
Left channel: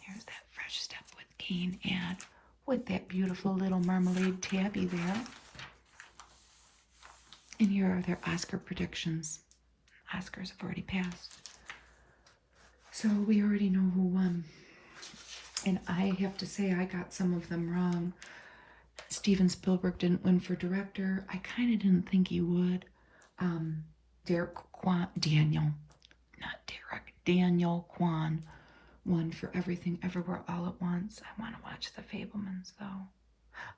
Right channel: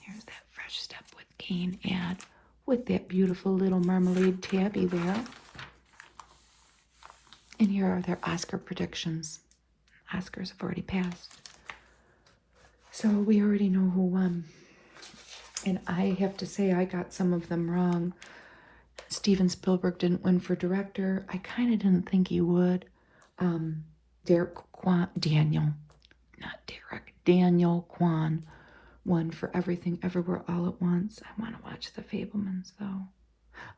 Here's that Fresh Step with Kane ad with that beautiful little mermaid tabby there. And here are their Oscar predictions. Oscars have already passed. So we already know who won. And I have to say, I got some of them wrong. Steven Spielberg didn't win for director. I kind of didn't think he would. Daniel Kwan won for Everything Everywhere All at Once. I want to watch The Fabelmans though.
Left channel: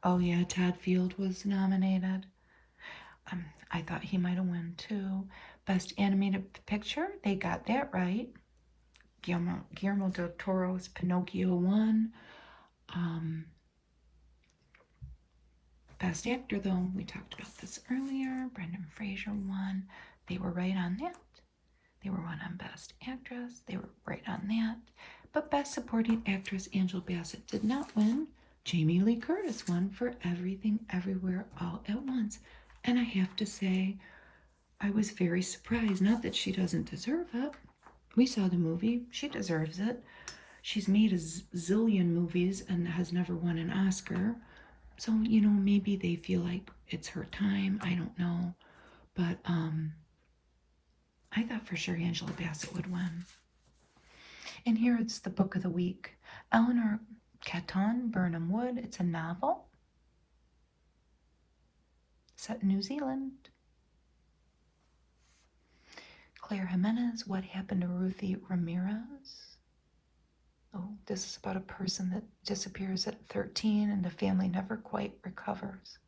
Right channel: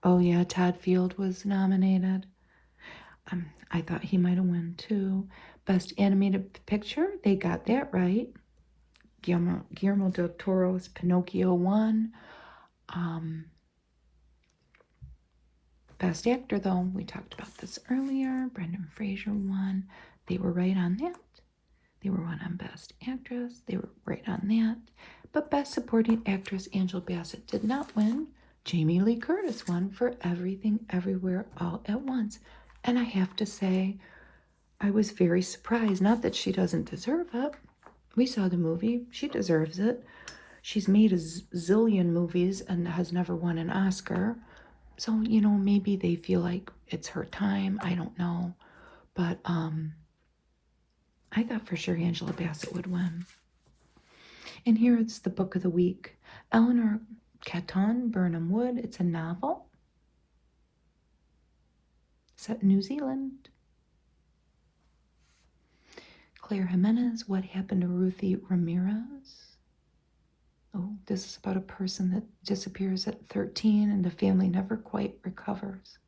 Oh yeah, Todd Field was nominated. I thought he might have won too. Best Animated Picture, they got that right. Guillermo del Toro's Pinocchio won. Best Actor, though, we talked about this earlier. Brendan Fraser won. They were right on that. They were one on Best Actress. They were right on that. But Best Supporting Actress, Angela Bassett did not win. Jamie Lee Curtis won for Everything Everywhere All at Once. And I have to say, I was very surprised. Not that she doesn't deserve it. We saw the movie. She deserves it. She's made a zillion movies and has never won an Oscar. So, maybe they feel like it's her time. I don't know. But I thought for sure Angela Bassett would win. And here it's the book of the week. Eleanor Catton, Burnham Wood. It's a novel set in New Zealand. Claire Jimenez, What Happened to Ruthie Ramirez? Oh, this is about a person that disappears at 13 and the family never quite recovers.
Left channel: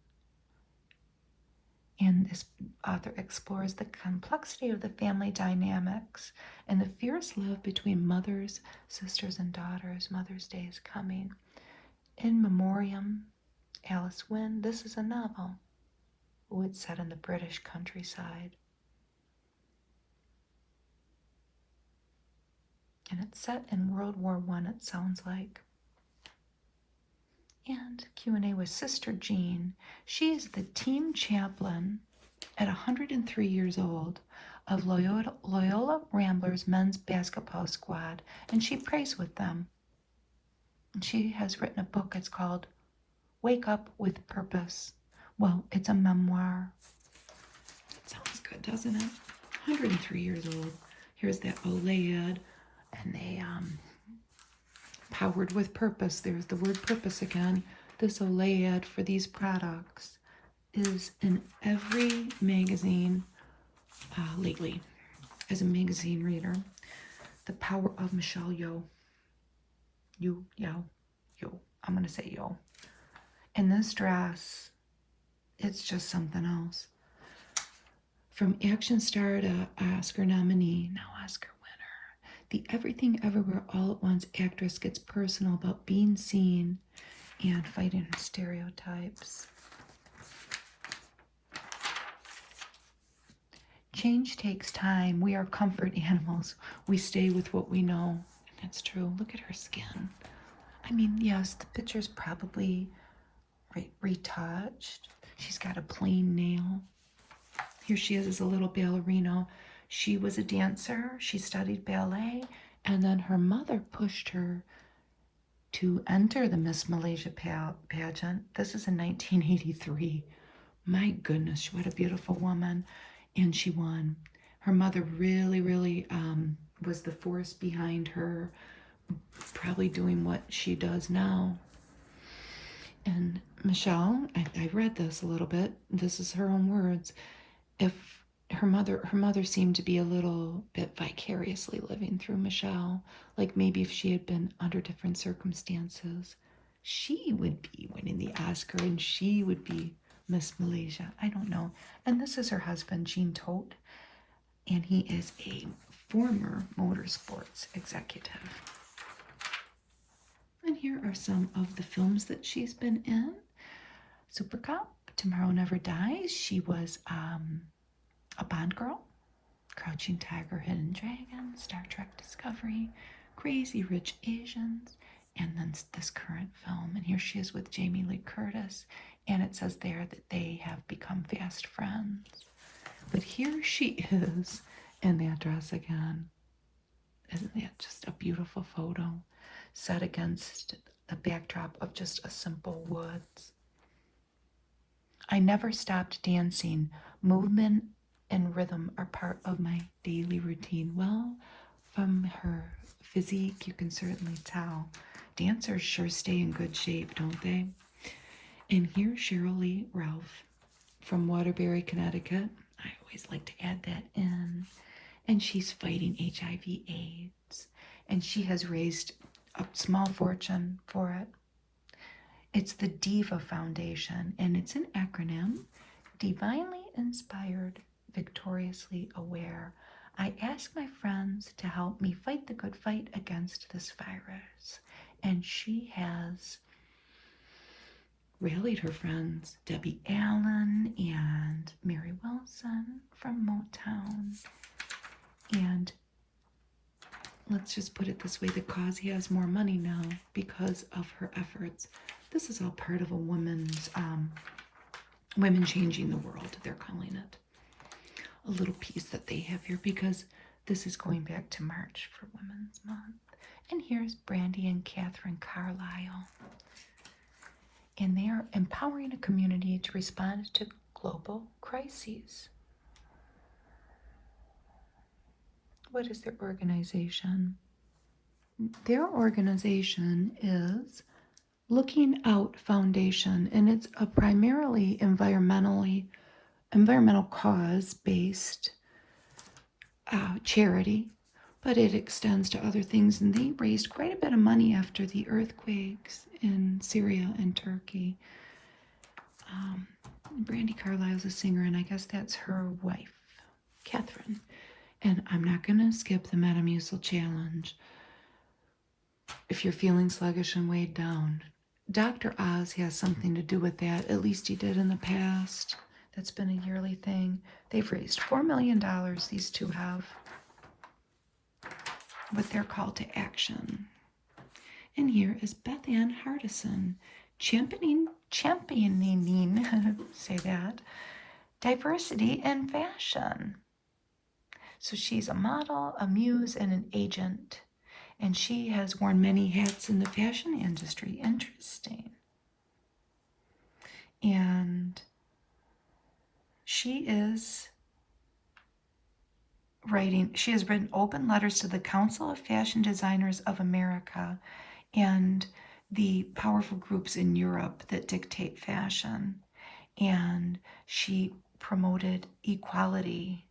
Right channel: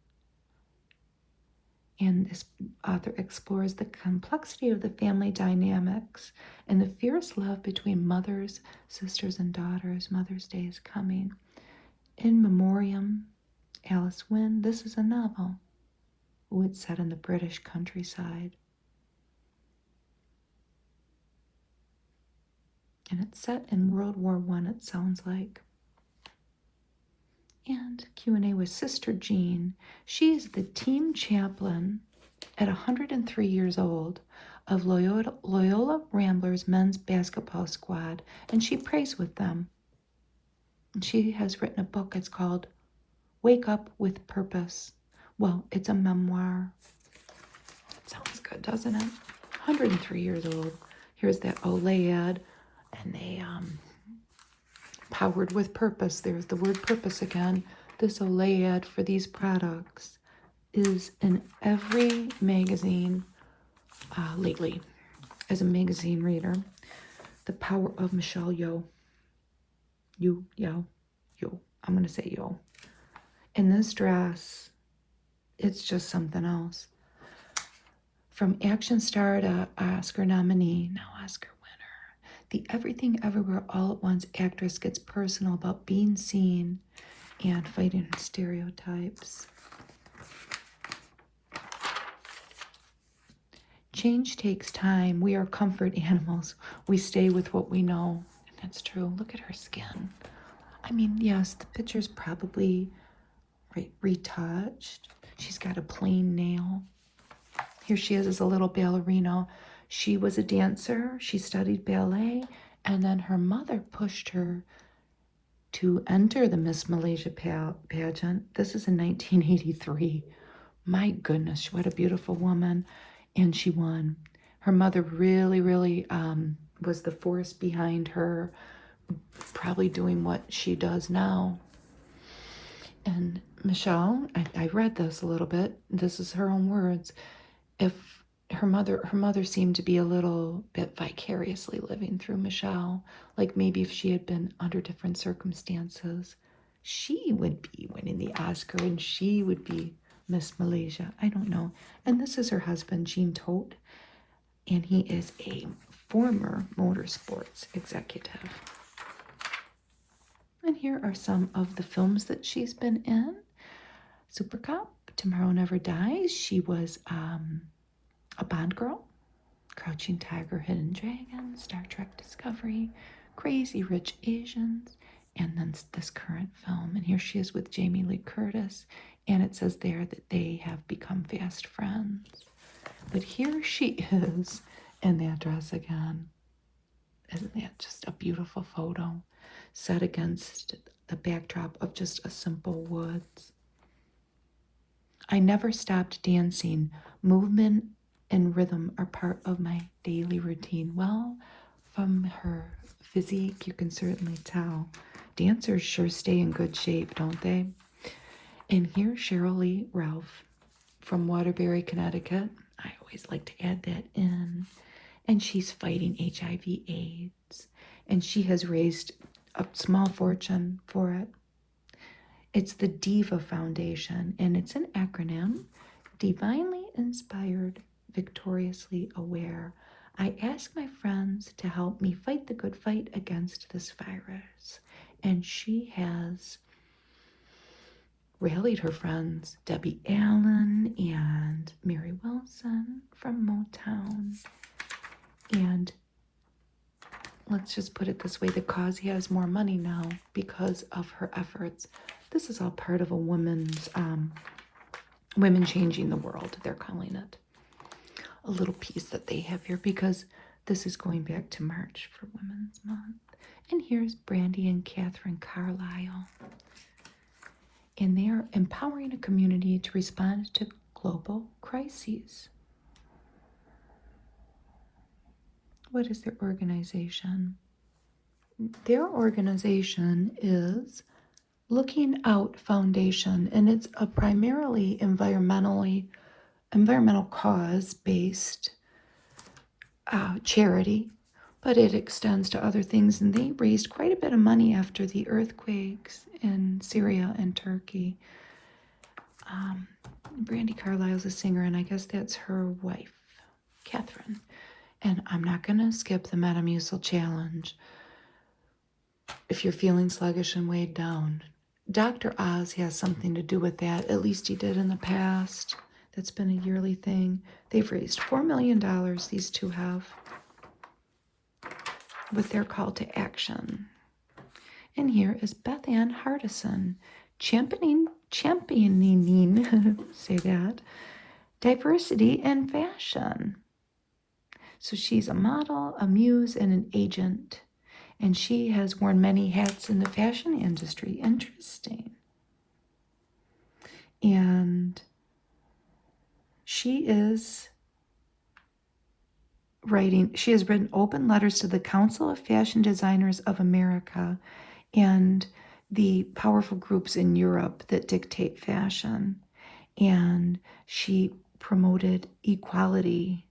And this author explores the complexity of the family dynamics and the fierce love between mothers, sisters, and daughters. Mother's Day is coming. In Memoriam, Alice Wynne. This is a novel. Oh, it's set in the British countryside. And it's set in World War I, it sounds like. And Q&A with Sister Jean. She is the team chaplain at 103 years old of Loyola Ramblers men's basketball squad, and she prays with them. She has written a book. It's called Wake Up with Purpose. Well, it's a memoir. It sounds good, doesn't it? 103 years old. Here's that Olay ad, and they powered with purpose. There's the word purpose again. This Olay ad for these products is in every magazine lately. As a magazine reader, the power of Michelle Yeoh. Yeoh. I'm going to say Yeoh. In this dress, it's just something else. From action star to Oscar nominee, now Oscar winner, the Everything Everywhere All at Once actress gets personal about being seen and fighting stereotypes. Change takes time. We are comfort animals. We stay with what we know. And that's true. Look at her skin. I mean, yes, the picture's probably retouched. She's got a plain nail. Here she is as a little ballerina. She was a dancer. She studied ballet. And then her mother pushed her to enter the Miss Malaysia pageant. This is in 1983. My goodness, what a beautiful woman. And she won. Her mother really, really was the force behind her probably doing what she does now. And Michelle, I read this a little bit. This is her own words. If her mother seemed to be a little bit vicariously living through Michelle, like maybe if she had been under different circumstances, she would be winning the Oscar and she would be Miss Malaysia. I don't know. And this is her husband, Gene Todt, and he is a former motorsports executive. And here are some of the films that she's been in. Super Cop, Tomorrow Never Dies. She was a Bond girl. Crouching Tiger, Hidden Dragon, Star Trek Discovery, Crazy Rich Asians, and then this current film. And here she is with Jamie Lee Curtis, and it says there that they have become fast friends. But here she is in that dress again. Isn't that just a beautiful photo? Set against the backdrop of just a simple woods. I never stopped dancing. Movement and rhythm are part of my daily routine. Well, from her physique, you can certainly tell. Dancers sure stay in good shape, don't they? And here's Cheryl Lee Ralph from Waterbury, Connecticut. I always like to add that in. And she's fighting HIV/AIDS. And she has raised a small fortune for it. It's the Diva Foundation, and it's an acronym: Divinely Inspired, Victoriously Aware. I ask my friends to help me fight the good fight against this virus. And she has rallied her friends, Debbie Allen and Mary Wilson from Motown. And let's just put it this way, the cause has more money now because of her efforts. This is all part of a women's, women changing the world, they're calling it. A little piece that they have here because this is going back to March for Women's Month. And here's Brandy and Catherine Carlisle. And they're empowering a community to respond to global crises. What is their organization? Their organization is Looking Out Foundation, and it's a primarily environmental cause-based charity, but it extends to other things, and they raised quite a bit of money after the earthquakes in Syria and Turkey. Brandy Carlisle's a singer, and I guess that's her wife, Catherine. And I'm not going to skip the Metamucil Challenge. If you're feeling sluggish and weighed down, Dr. Oz has something to do with that. At least he did in the past. That's been a yearly thing. They've raised $4 million, these two have, with their call to action. And here is Beth Ann Hardison, championing, say that, diversity in fashion. So she's a model, a muse, and an agent. And she has worn many hats in the fashion industry. Interesting. And she has written open letters to the Council of Fashion Designers of America and the powerful groups in Europe that dictate fashion. And she promoted equality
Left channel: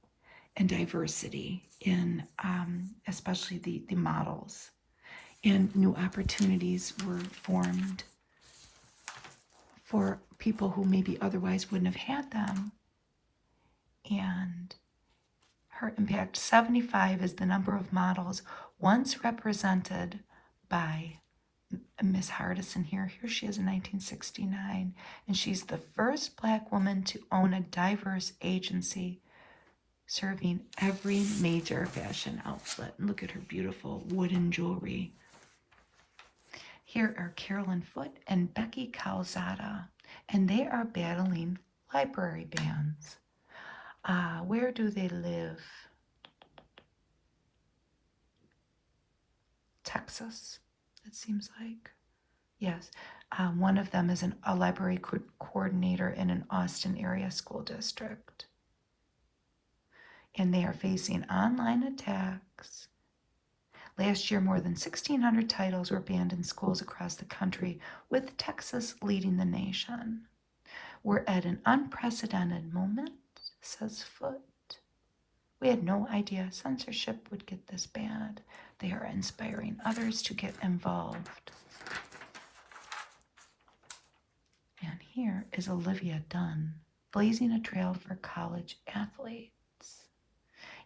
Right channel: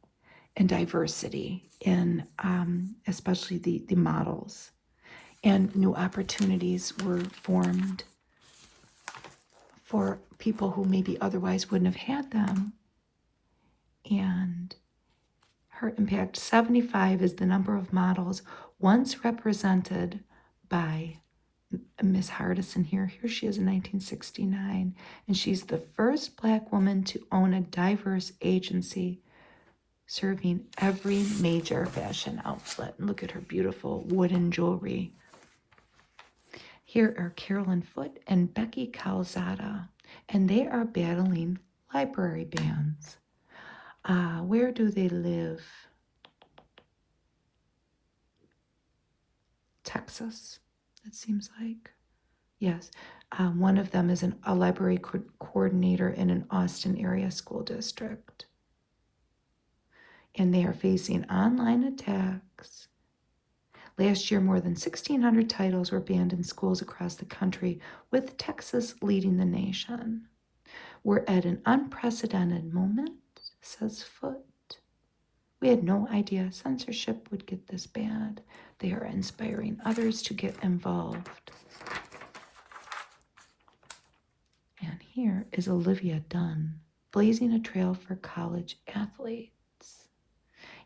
and diversity in especially the models. And new opportunities were formed for people who maybe otherwise wouldn't have had them. And her impact, 75 is the number of models once represented by Miss Hardison here. Here she is in 1969. And she's the first Black woman to own a diverse agency serving every major fashion outlet. And look at her beautiful wooden jewelry. Here are Carolyn Foote and Becky Calzada, and they are battling library bans. Where do they live? Texas, it seems like. Yes. One of them is a library coordinator in an Austin area school district. And they are facing online attacks. Last year, more than 1,600 titles were banned in schools across the country, with Texas leading the nation. We're at an unprecedented moment, says Foote. We had no idea censorship would get this bad. They are inspiring others to get involved. And here is Olivia Dunn, blazing a trail for college athletes.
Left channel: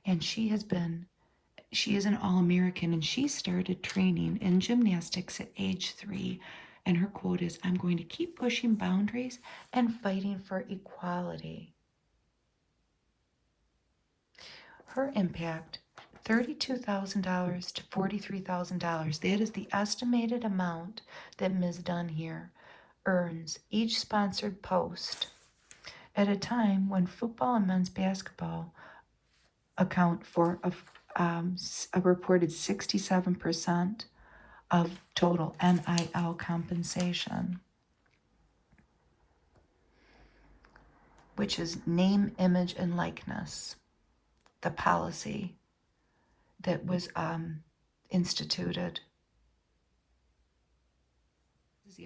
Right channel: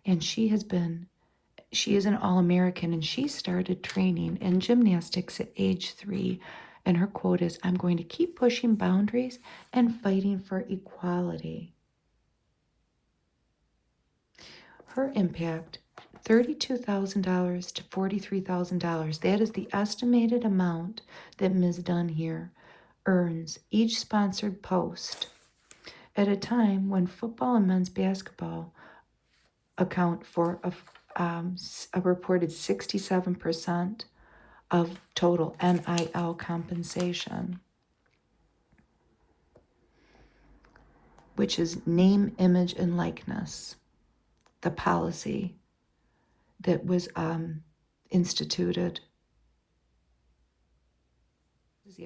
And she is an All-American, and she started training in gymnastics at age 3. And her quote is, "I'm going to keep pushing boundaries and fighting for equality." Her impact, $32,000 to $43,000. That is the estimated amount that Ms. Dunn here earns each sponsored post at a time when football and men's basketball account for a reported 67% of total NIL compensation, which is name, image, and likeness, the policy that was instituted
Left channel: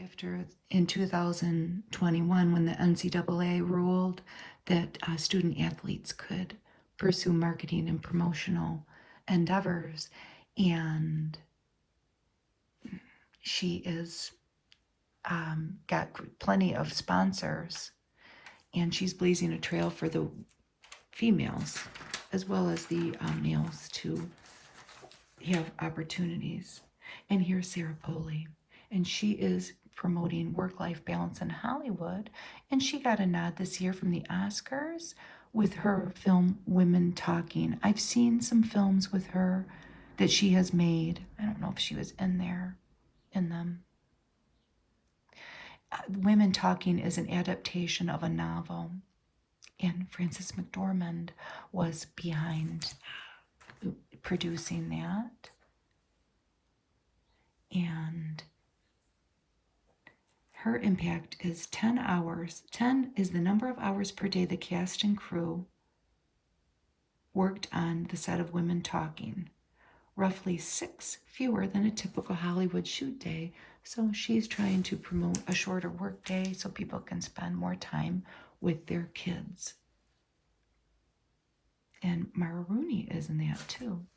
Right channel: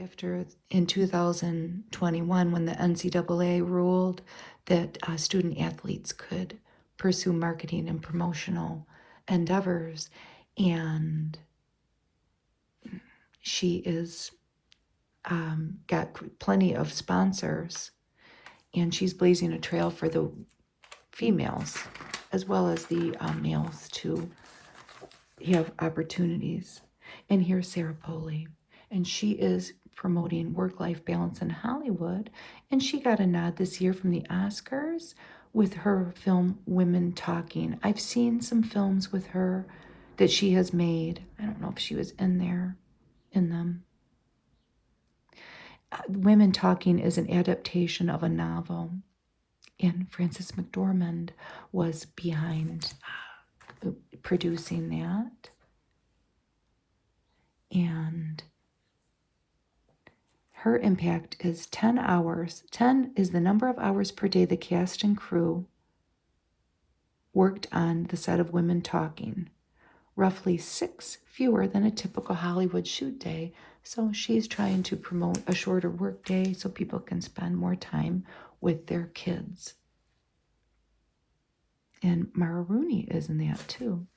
after in 2021 when the NCAA ruled that student athletes could pursue marketing and promotional endeavors. And she is got plenty of sponsors, and she's blazing a trail for the females as well as the males to have opportunities. And here's Sarah Polley, and she is promoting work-life balance in Hollywood, and she got a nod this year from the Oscars with her film Women Talking. I've seen some films with her that she has made. I don't know if she was in them. Women Talking is an adaptation of a novel, and Frances McDormand was behind producing that. And her impact is 10 hours. 10 is the number of hours per day the cast and crew worked on the set of Women Talking. Roughly 6 fewer than a typical Hollywood shoot day. So she's trying to promote a shorter work day so people can spend more time with their kids. And Mara Rooney is in that too.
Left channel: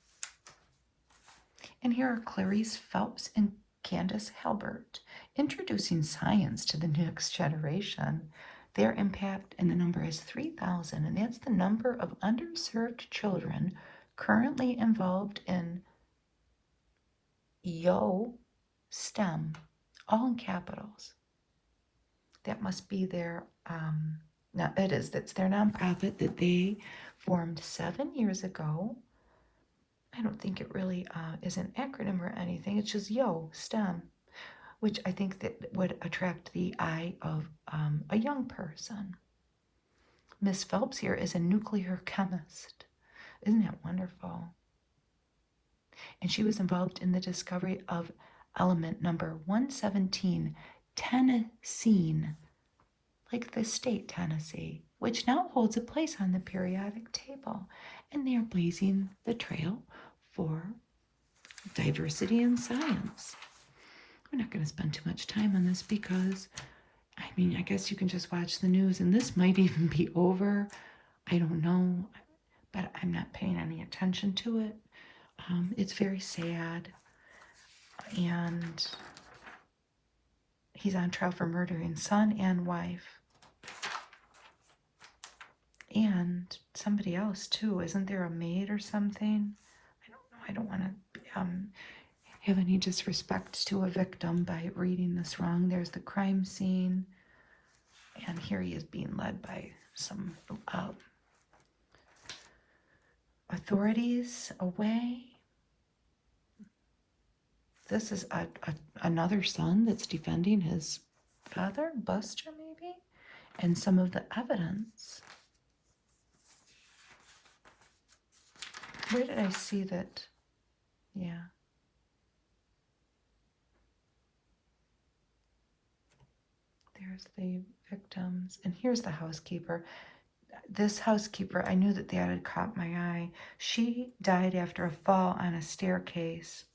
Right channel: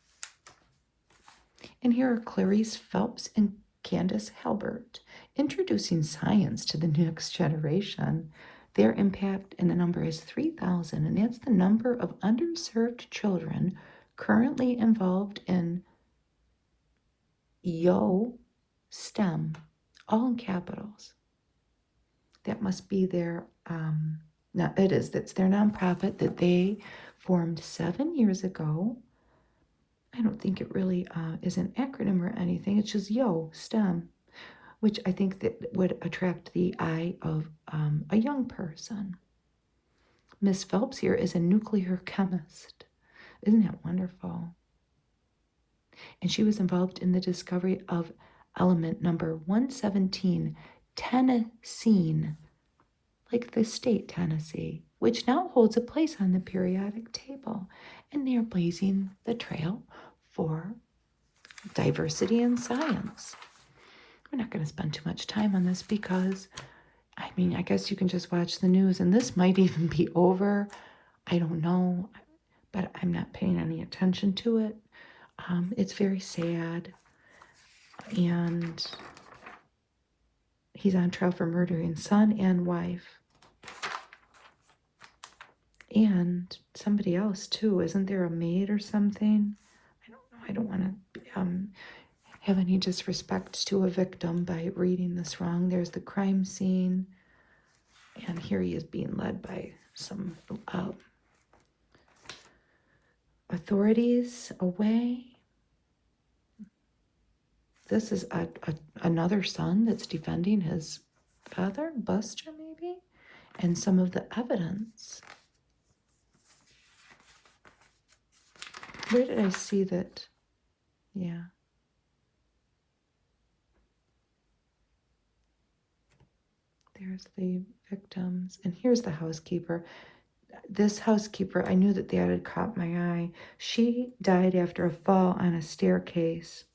And here are Clarice Phelps and Candace Hilbert introducing science to the next generation. Their impact and the number is 3,000, and that's the number of underserved children currently involved in Yeoh STEM, all in capitals. That must be their, that's their nonprofit that they formed 7 years ago. I don't think it really is an acronym or anything. It's just Yeoh STEM, which I think that would attract the eye of a young person. Miss Phelps here is a nuclear chemist. Isn't that wonderful? and she was involved in the discovery of element number 117, tennessine, like the state Tennessee, which now holds a place on the periodic table. And they are blazing the trail for diversity in science. We're not going to spend too much time on this because, I mean, I guess you can just watch the news and this might even be over. I don't know, but I'm not paying any attention to it. It's very sad. And he's on trial for murdering son and wife. And somebody else too. Isn't there a maid or something? I don't want to have any disrespect to a victim by reading this wrong. There's the crime scene. And here he is being led by some authorities away. This is another son that's defending his father, Buster maybe? And some of the evidence. Where did I see that? Yeah. There's the victims. And here's the housekeeper. This housekeeper, I knew that had caught my eye. She died after a fall on a staircase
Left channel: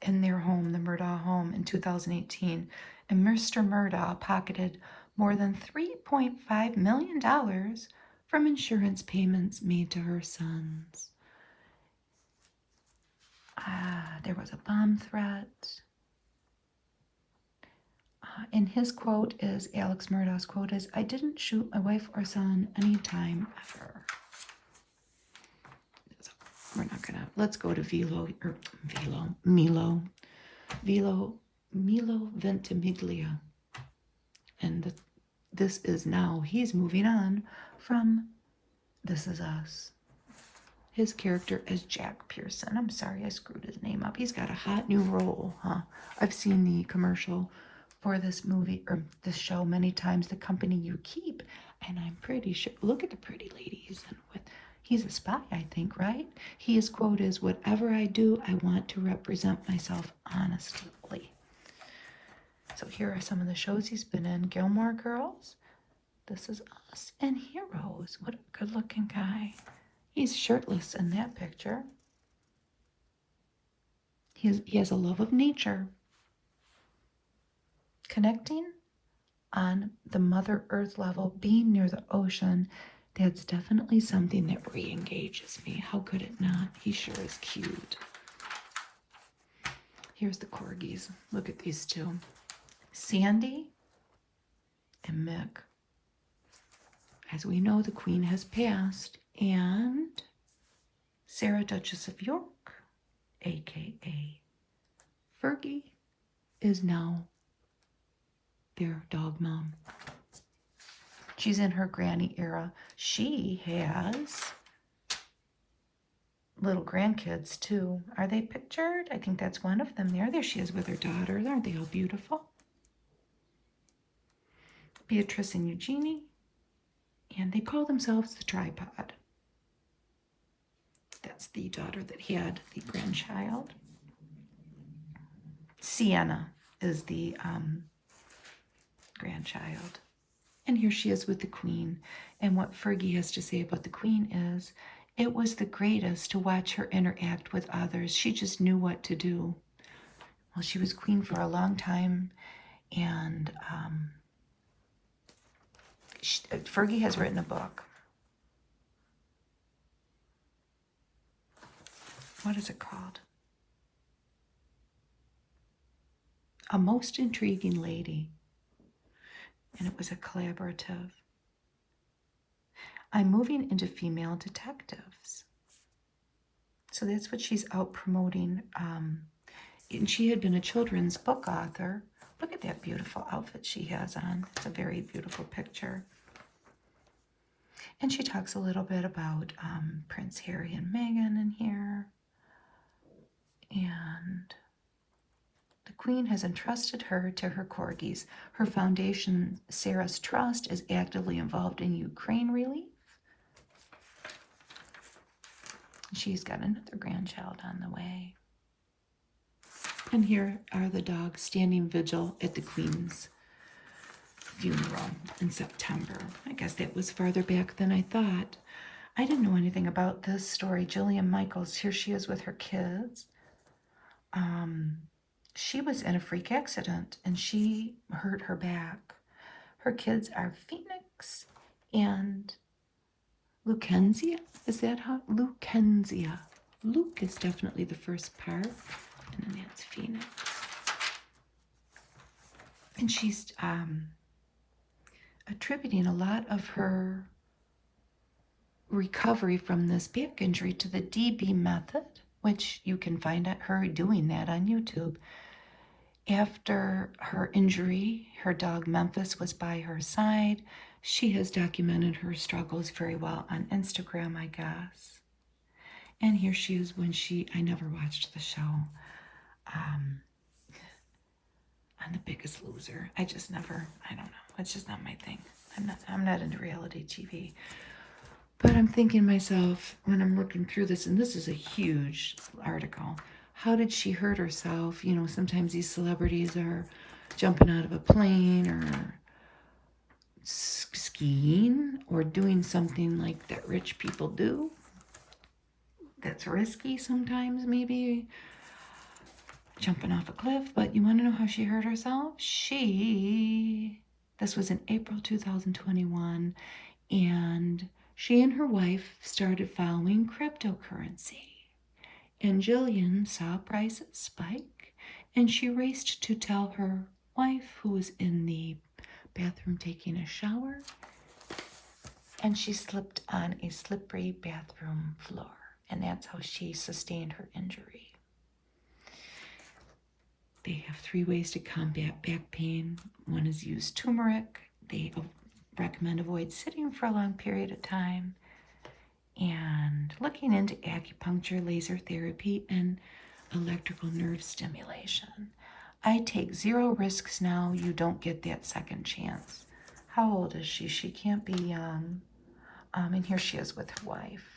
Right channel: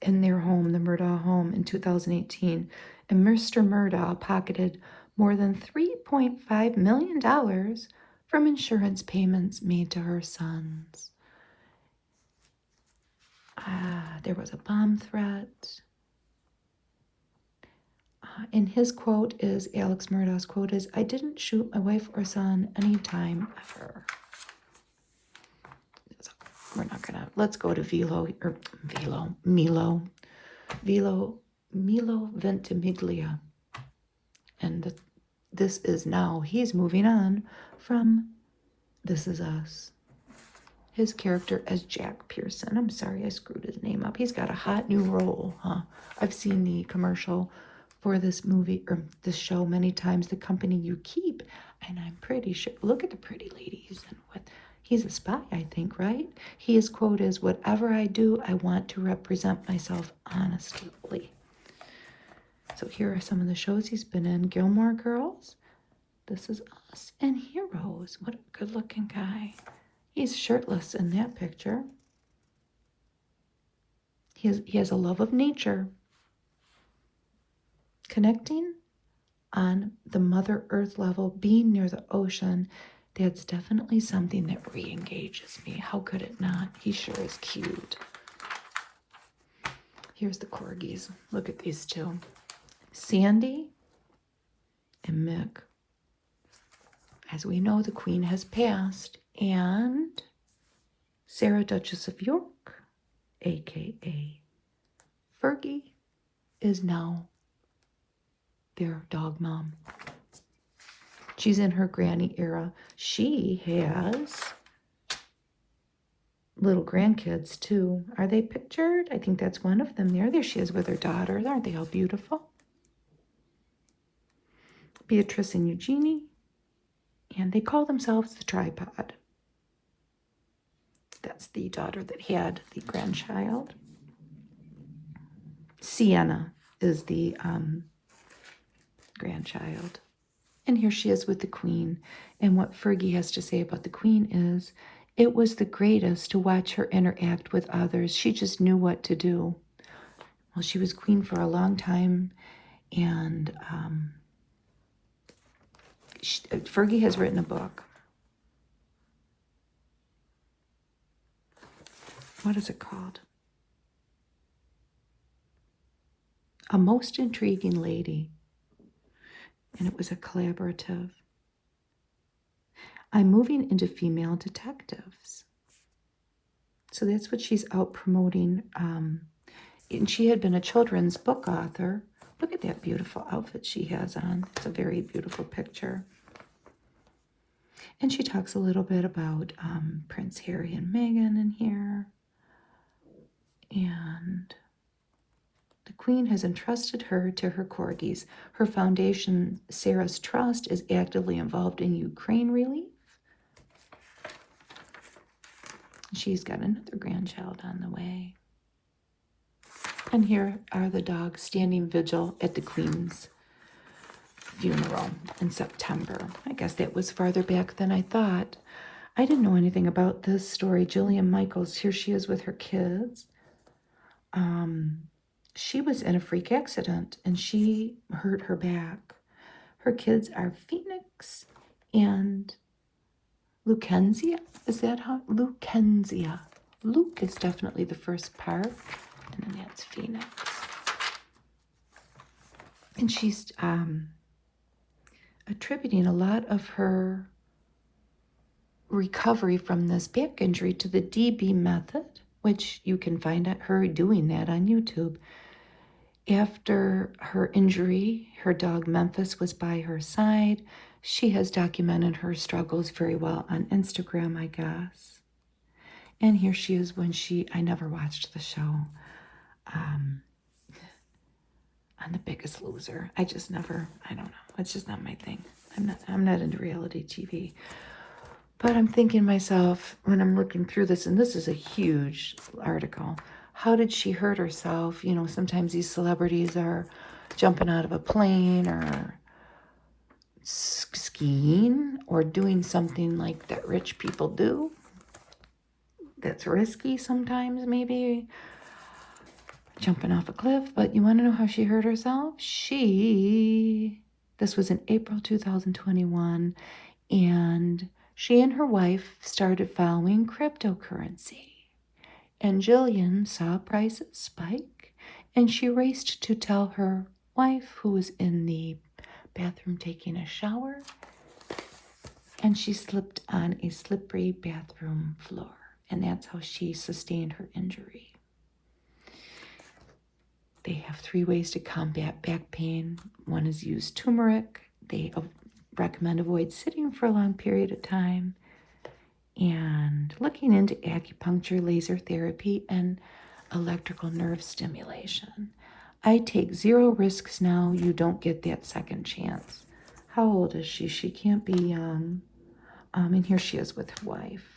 in their home, the Murdaugh home, in 2018. And Mr. Murdaugh pocketed more than $3.5 million from insurance payments made to her sons. There was a bomb threat. And his quote is, Alex Murdaugh's quote is, "I didn't shoot my wife or son anytime ever." So we're not gonna, let's go to Milo Ventimiglia. And this is now, he's moving on from This Is Us. His character as Jack Pearson. I'm sorry, I screwed his name up. He's got a hot new role, huh? I've seen the commercial for this movie, or this show many times, The Company You Keep, and I'm pretty sure, look at the pretty ladies, and he's a spy, I think, right? His quote is, "Whatever I do, I want to represent myself honestly." So here are some of the shows he's been in. Gilmore Girls, This Is Us, and Heroes. What a good-looking guy. He's shirtless in that picture. He has a love of nature. Connecting on the Mother Earth level, being near the ocean, that's definitely something that re-engages me. How could it not? He sure is cute. Here's the corgis. Look at these two. Sandy and Mick. As we know, the Queen has passed, and Sarah, Duchess of York, aka Fergie, is now their dog mom. She's in her granny era. She has little grandkids too. Are they pictured? I think that's one of them there. There she is with her daughter. Aren't they all beautiful? Beatrice and Eugenie. And they call themselves the Tripod. That's the daughter that had the grandchild. Sienna is the grandchild. And here she is with the Queen. And what Fergie has to say about the Queen is, "It was the greatest to watch her interact with others. She just knew what to do." Well, she was Queen for a long time. And Fergie has written a book. What is it called? A Most Intriguing Lady. And it was a collaborative. I'm moving into female detectives. So that's what she's out promoting. And she had been a children's book author. Look at that beautiful outfit she has on. It's a very beautiful picture. And she talks a little bit about Prince Harry and Meghan in here. And the Queen has entrusted her to her corgis. Her foundation, Sarah's Trust, is actively involved in Ukraine relief. She's got another grandchild on the way. And here are the dogs standing vigil at the Queen's funeral in September. I guess that was farther back than I thought. I didn't know anything about this story. Jillian Michaels, here she is with her kids. She was in a freak accident and she hurt her back. Her kids are Phoenix and Lucenzia. Is that how? Lucenzia. Luke is definitely the first part, and then that's Phoenix. And she's attributing a lot of her recovery from this back injury to the DB method, which you can find her doing that on YouTube. After her injury, her dog Memphis was by her side. She has documented her struggles very well on Instagram, I guess. And here she is when I never watched the show, on The Biggest Loser. I don't know. It's just not my thing. I'm not into reality TV. But I'm thinking to myself, when I'm looking through this, and this is a huge article, how did she hurt herself? You know, sometimes these celebrities are jumping out of a plane or skiing or doing something like that rich people do. That's risky sometimes, maybe jumping off a cliff. But you want to know how she hurt herself? This was in April 2021, and she and her wife started following cryptocurrency. And Jillian saw prices spike, and she raced to tell her wife, who was in the bathroom taking a shower, and she slipped on a slippery bathroom floor. And that's how she sustained her injury. They have 3 ways to combat back pain. One is use turmeric. They recommend avoid sitting for a long period of time. And looking into acupuncture, laser therapy, and electrical nerve stimulation. I take 0 risks now. You don't get that second chance. How old is she? She can't be young. And here she is with her wife.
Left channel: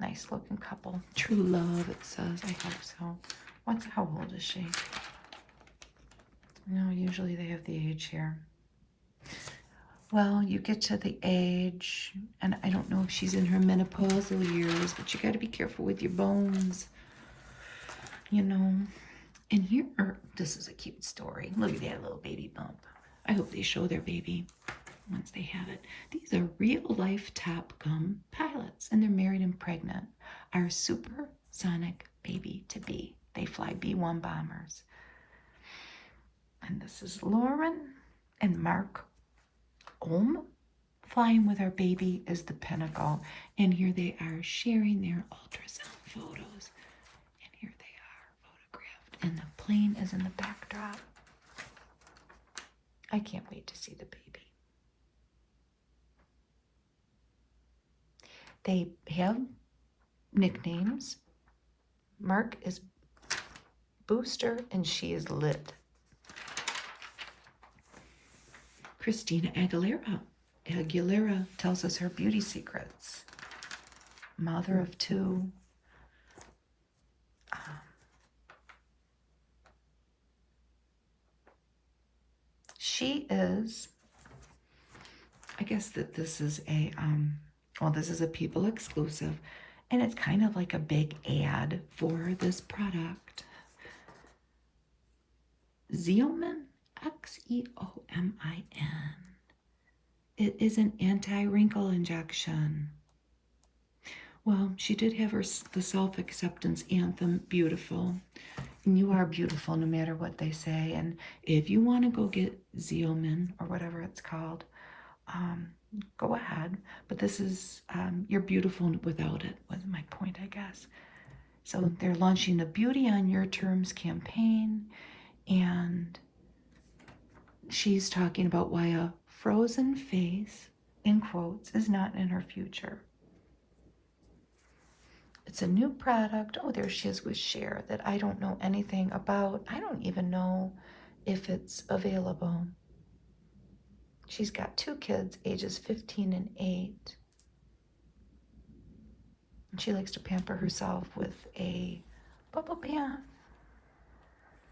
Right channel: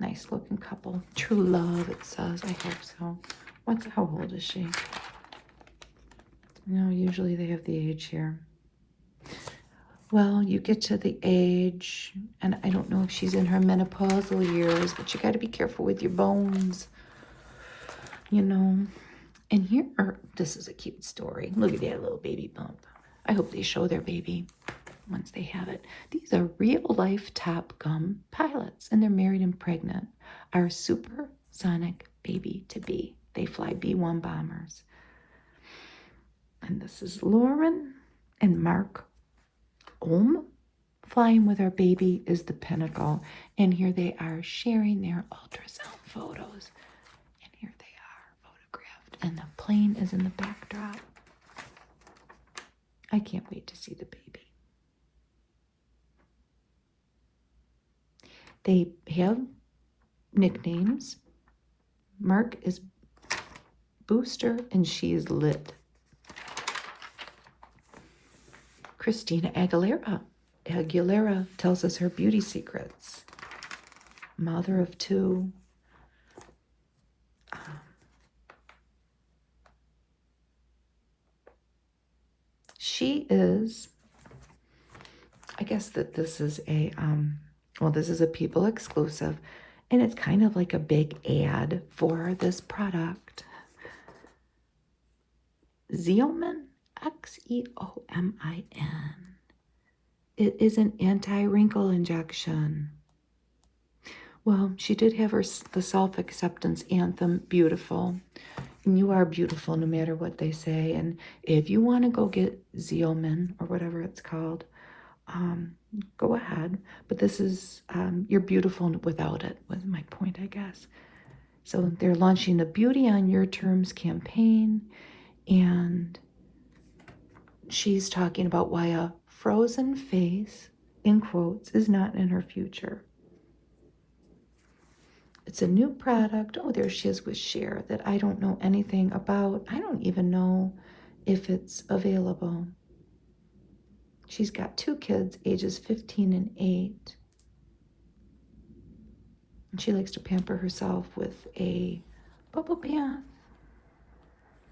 Nice looking couple. True love, it says. I hope so. How old is she? No, usually they have the age here. Well, you get to the age, and I don't know if she's in her menopausal years, but you got to be careful with your bones. You know. And here, this is a cute story. Look at that little baby bump. I hope they show their baby once they have it. These are real-life Top Gun pilots, and they're married and pregnant. Our supersonic baby-to-be. They fly B-1 bombers. And this is Lauren and Mark Ohm. Flying with our baby is the pinnacle. And here they are sharing their ultrasound photos. And here they are photographed. And the plane is in the backdrop. I can't wait to see the baby. They have nicknames. Mark is Booster and she's Lit. Christina Aguilera tells us her beauty secrets. Mother of 2. She is, I guess that this is a, this is a People exclusive, and it's kind of like a big ad for this product. Xeomin, Xeomin. It is an anti-wrinkle injection. Well, she did have the self-acceptance anthem, Beautiful. And you are beautiful no matter what they say. And if you want to go get Xeomin, or whatever it's called, go ahead. But this is, you're beautiful without it, was my point, I guess. So they're launching the Beauty on Your Terms campaign. And she's talking about why a frozen face, in quotes, is not in her future. It's a new product. Oh, there she is with Cher that I don't know anything about. I don't even know if it's available. She's got 2 kids, ages 15 and 8. She likes to pamper herself with a bubble bath.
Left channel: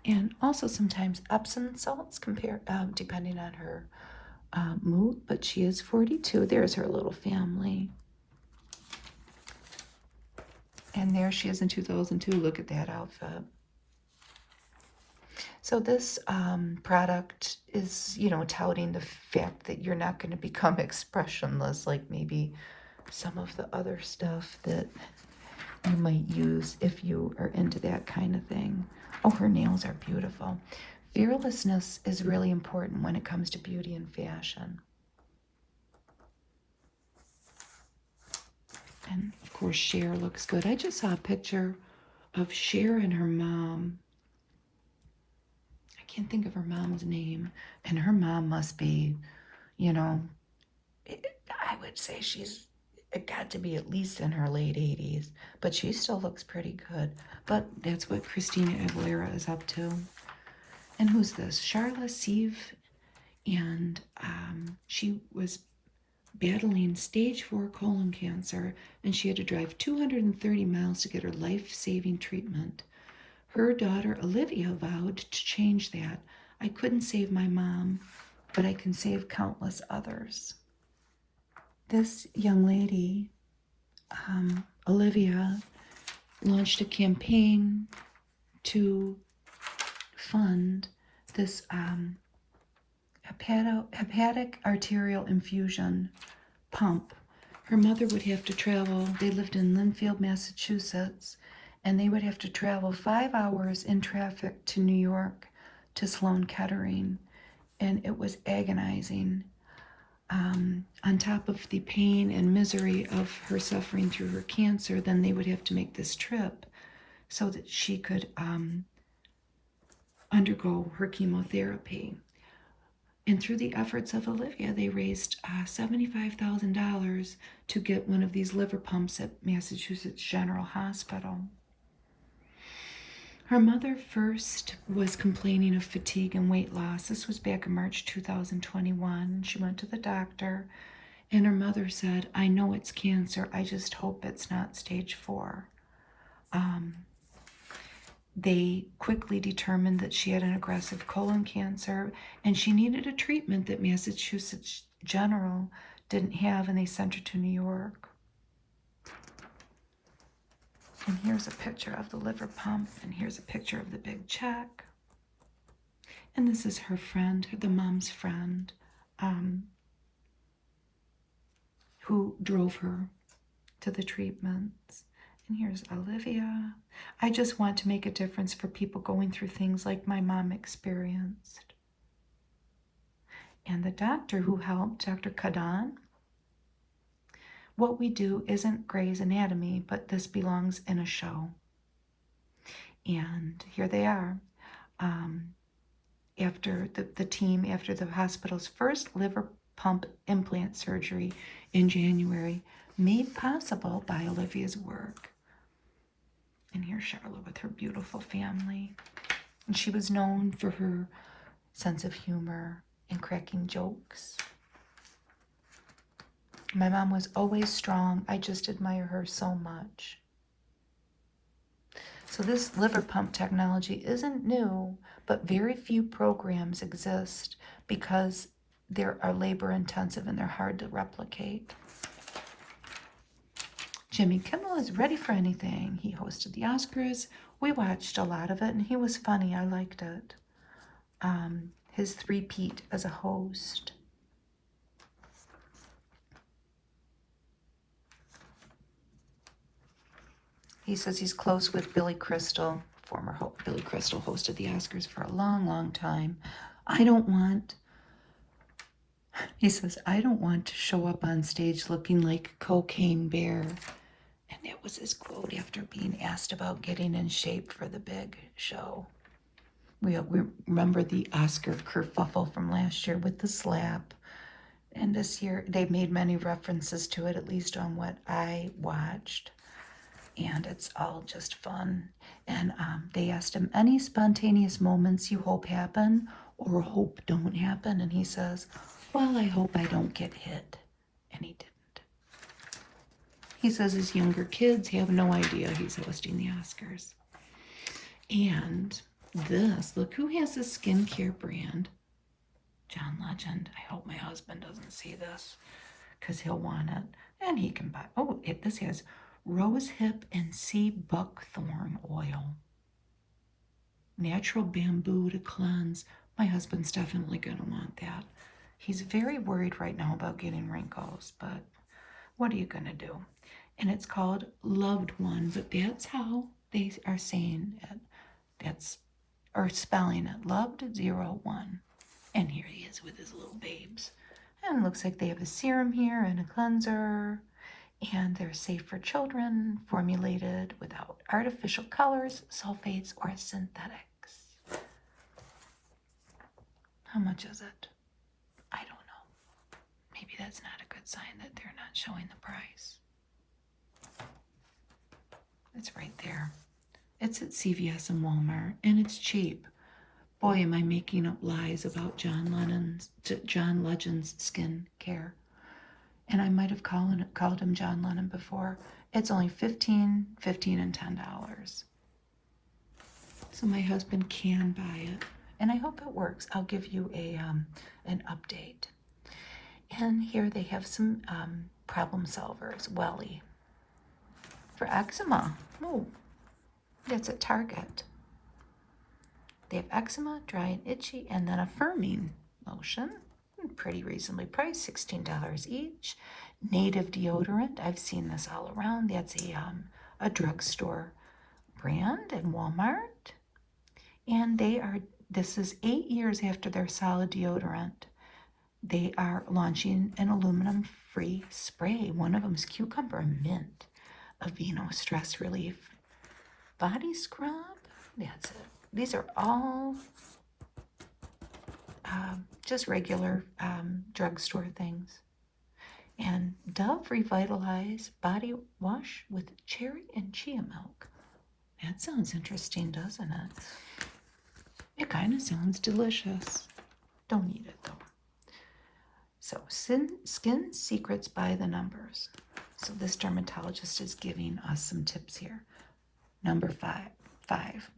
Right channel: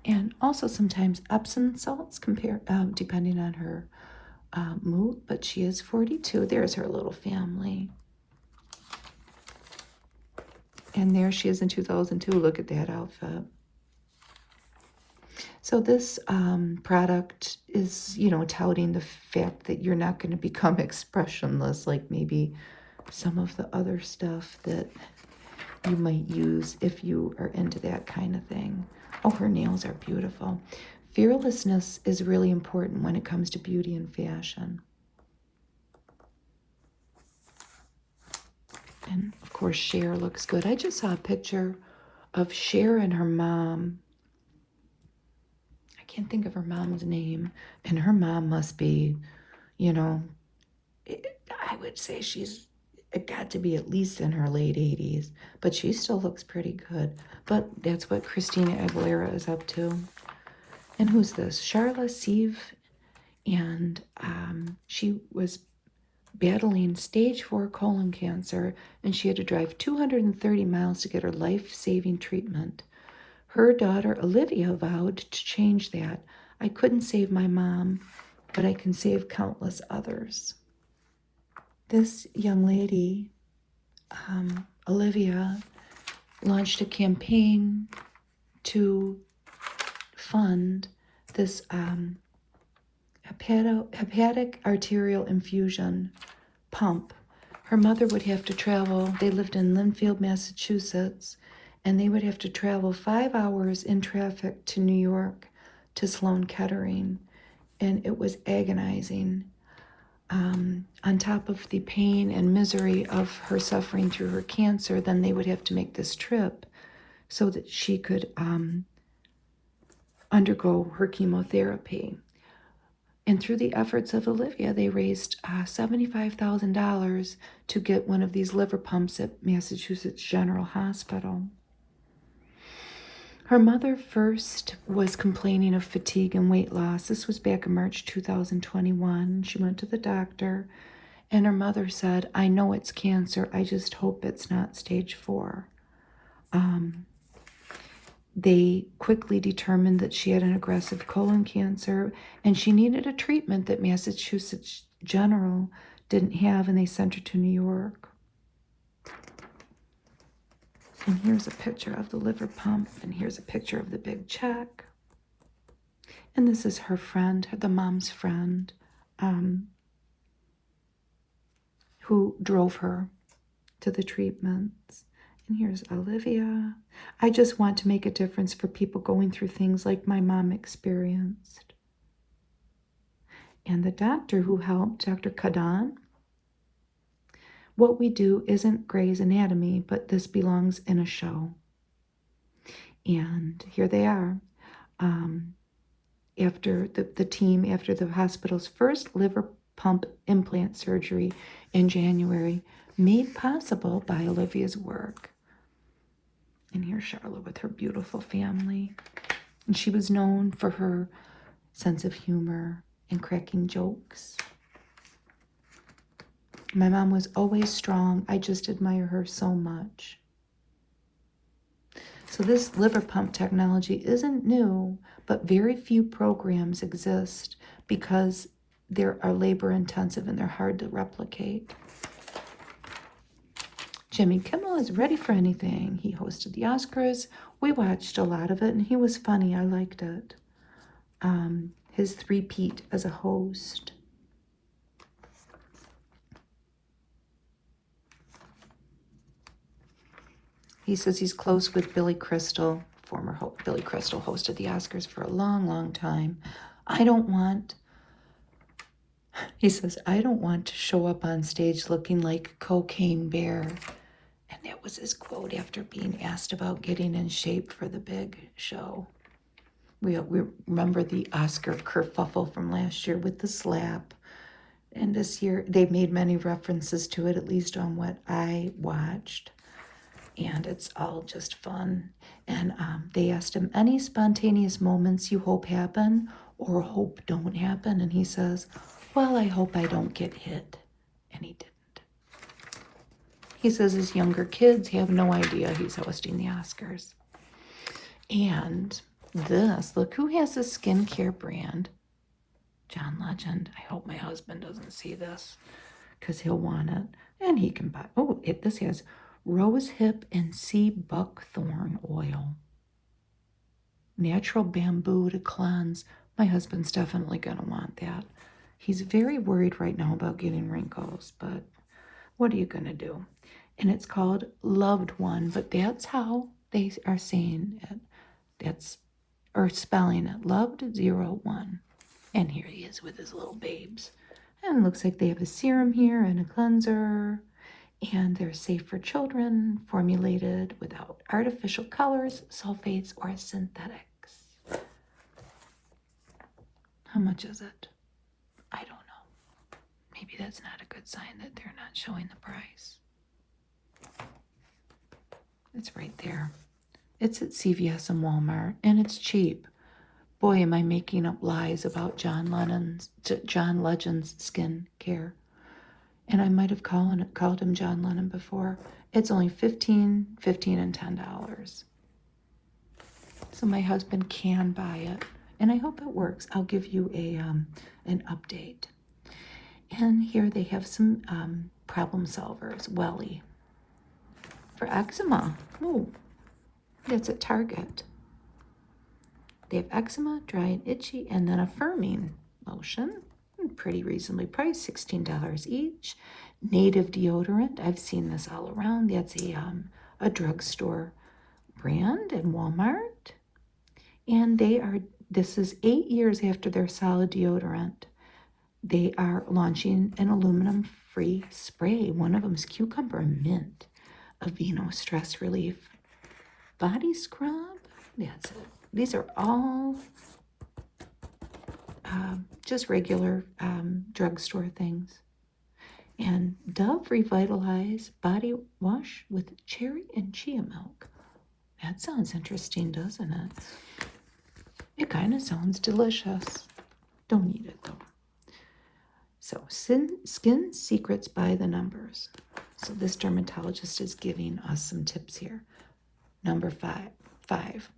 And also sometimes Epsom salts, depending on her mood. But she is 42. There's her little family. And there she is in 2002. Look at that outfit. So this product is, touting the fact that you're not going to become expressionless like maybe some of the other stuff that you might use if you are into that kind of thing. Oh, her nails are beautiful. Fearlessness is really important when it comes to beauty and fashion. And of course, Cher looks good. I just saw a picture of Cher and her mom. I can't think of her mom's name. And her mom must be, I would say it got to be at least in her late 80s. But she still looks pretty good. But that's what Christina Aguilera is up to. And who's this? Charla Sieve. And she was battling stage 4 colon cancer, and she had to drive 230 miles to get her life-saving treatment. Her daughter Olivia vowed to change that. I couldn't save my mom, but I can save countless others. This young lady, Olivia, launched a campaign to fund this hepatic arterial infusion pump. Her mother would have to travel. They lived in Lynnfield, Massachusetts, and they would have to travel 5 hours in traffic to New York to Sloan Kettering, and it was agonizing. On top of the pain and misery of her suffering through her cancer, then they would have to make this trip so that she could undergo her chemotherapy. And through the efforts of Olivia, they raised $75,000 to get one of these liver pumps at Massachusetts General Hospital. Her mother first was complaining of fatigue and weight loss. This was back in March 2021. She went to the doctor, and her mother said, I know it's cancer. I just hope it's not stage 4. They quickly determined that she had an aggressive colon cancer, and she needed a treatment that Massachusetts General didn't have, and they sent her to New York. And here's a picture of the liver pump, and here's a picture of the big check. And this is her friend, the mom's friend, who drove her to the treatments. And here's Olivia. I just want to make a difference for people going through things like my mom experienced. And the doctor who helped, Dr. Kadan, what we do isn't Grey's Anatomy, but this belongs in a show. And here they are. After the hospital's first liver pump implant surgery in January, made possible by Olivia's work. And here's Charlotte with her beautiful family. And she was known for her sense of humor and cracking jokes. My mom was always strong. I just admire her so much. So this liver pump technology isn't new, but very few programs exist because they are labor intensive and they're hard to replicate. Jimmy Kimmel is ready for anything. He hosted the Oscars. We watched a lot of it, and he was funny. I liked it. His three-peat as a host. He says he's close with Billy Crystal. Billy Crystal hosted the Oscars for a long, long time. He says, I don't want to show up on stage looking like Cocaine Bear. And that was his quote after being asked about getting in shape for the big show. We remember the Oscar kerfuffle from last year with the slap. And this year, they made many references to it, at least on what I watched. And it's all just fun. And they asked him, any spontaneous moments you hope happen or hope don't happen? And he says, well, I hope I don't get hit. And he didn't. He says his younger kids have no idea he's hosting the Oscars. And this, look who has a skincare brand. John Legend. I hope my husband doesn't see this because he'll want it. And he can buy, oh, this has rose hip and sea buckthorn oil. Natural bamboo to cleanse. My husband's definitely going to want that. He's very worried right now about getting wrinkles, but what are you going to do? And it's called Loved One, but that's how they are saying it. That's, or spelling it, Loved 01. And here he is with his little babes. And it looks like they have a serum here and a cleanser. And they're safe for children, formulated without artificial colors, sulfates, or synthetics. How much is it? I don't know. Maybe that's not a good sign that they're not showing the price. It's right there. It's at CVS and Walmart, and it's cheap. Boy, am I making up lies about John Legend's skin care. And I might have called him John Lennon before. It's only $15, and $10. So my husband can buy it, and I hope it works. I'll give you an update. And here they have some problem solvers. Welly for eczema. Oh, it's at Target. They have eczema, dry and itchy, and then a firming lotion. Pretty reasonably priced, $16 each. Native deodorant. I've seen this all around. That's a drugstore brand in Walmart. And this is 8 years after their solid deodorant. They are launching an aluminum-free spray. One of them is cucumber mint, Aveeno stress relief body scrub. These are all just regular drugstore things. And Dove Revitalize Body Wash with cherry and chia milk. That sounds interesting, doesn't it? It kind of sounds delicious. Don't eat it though. So, Skin Secrets by the Numbers. So this dermatologist is giving us some tips here. Number 5.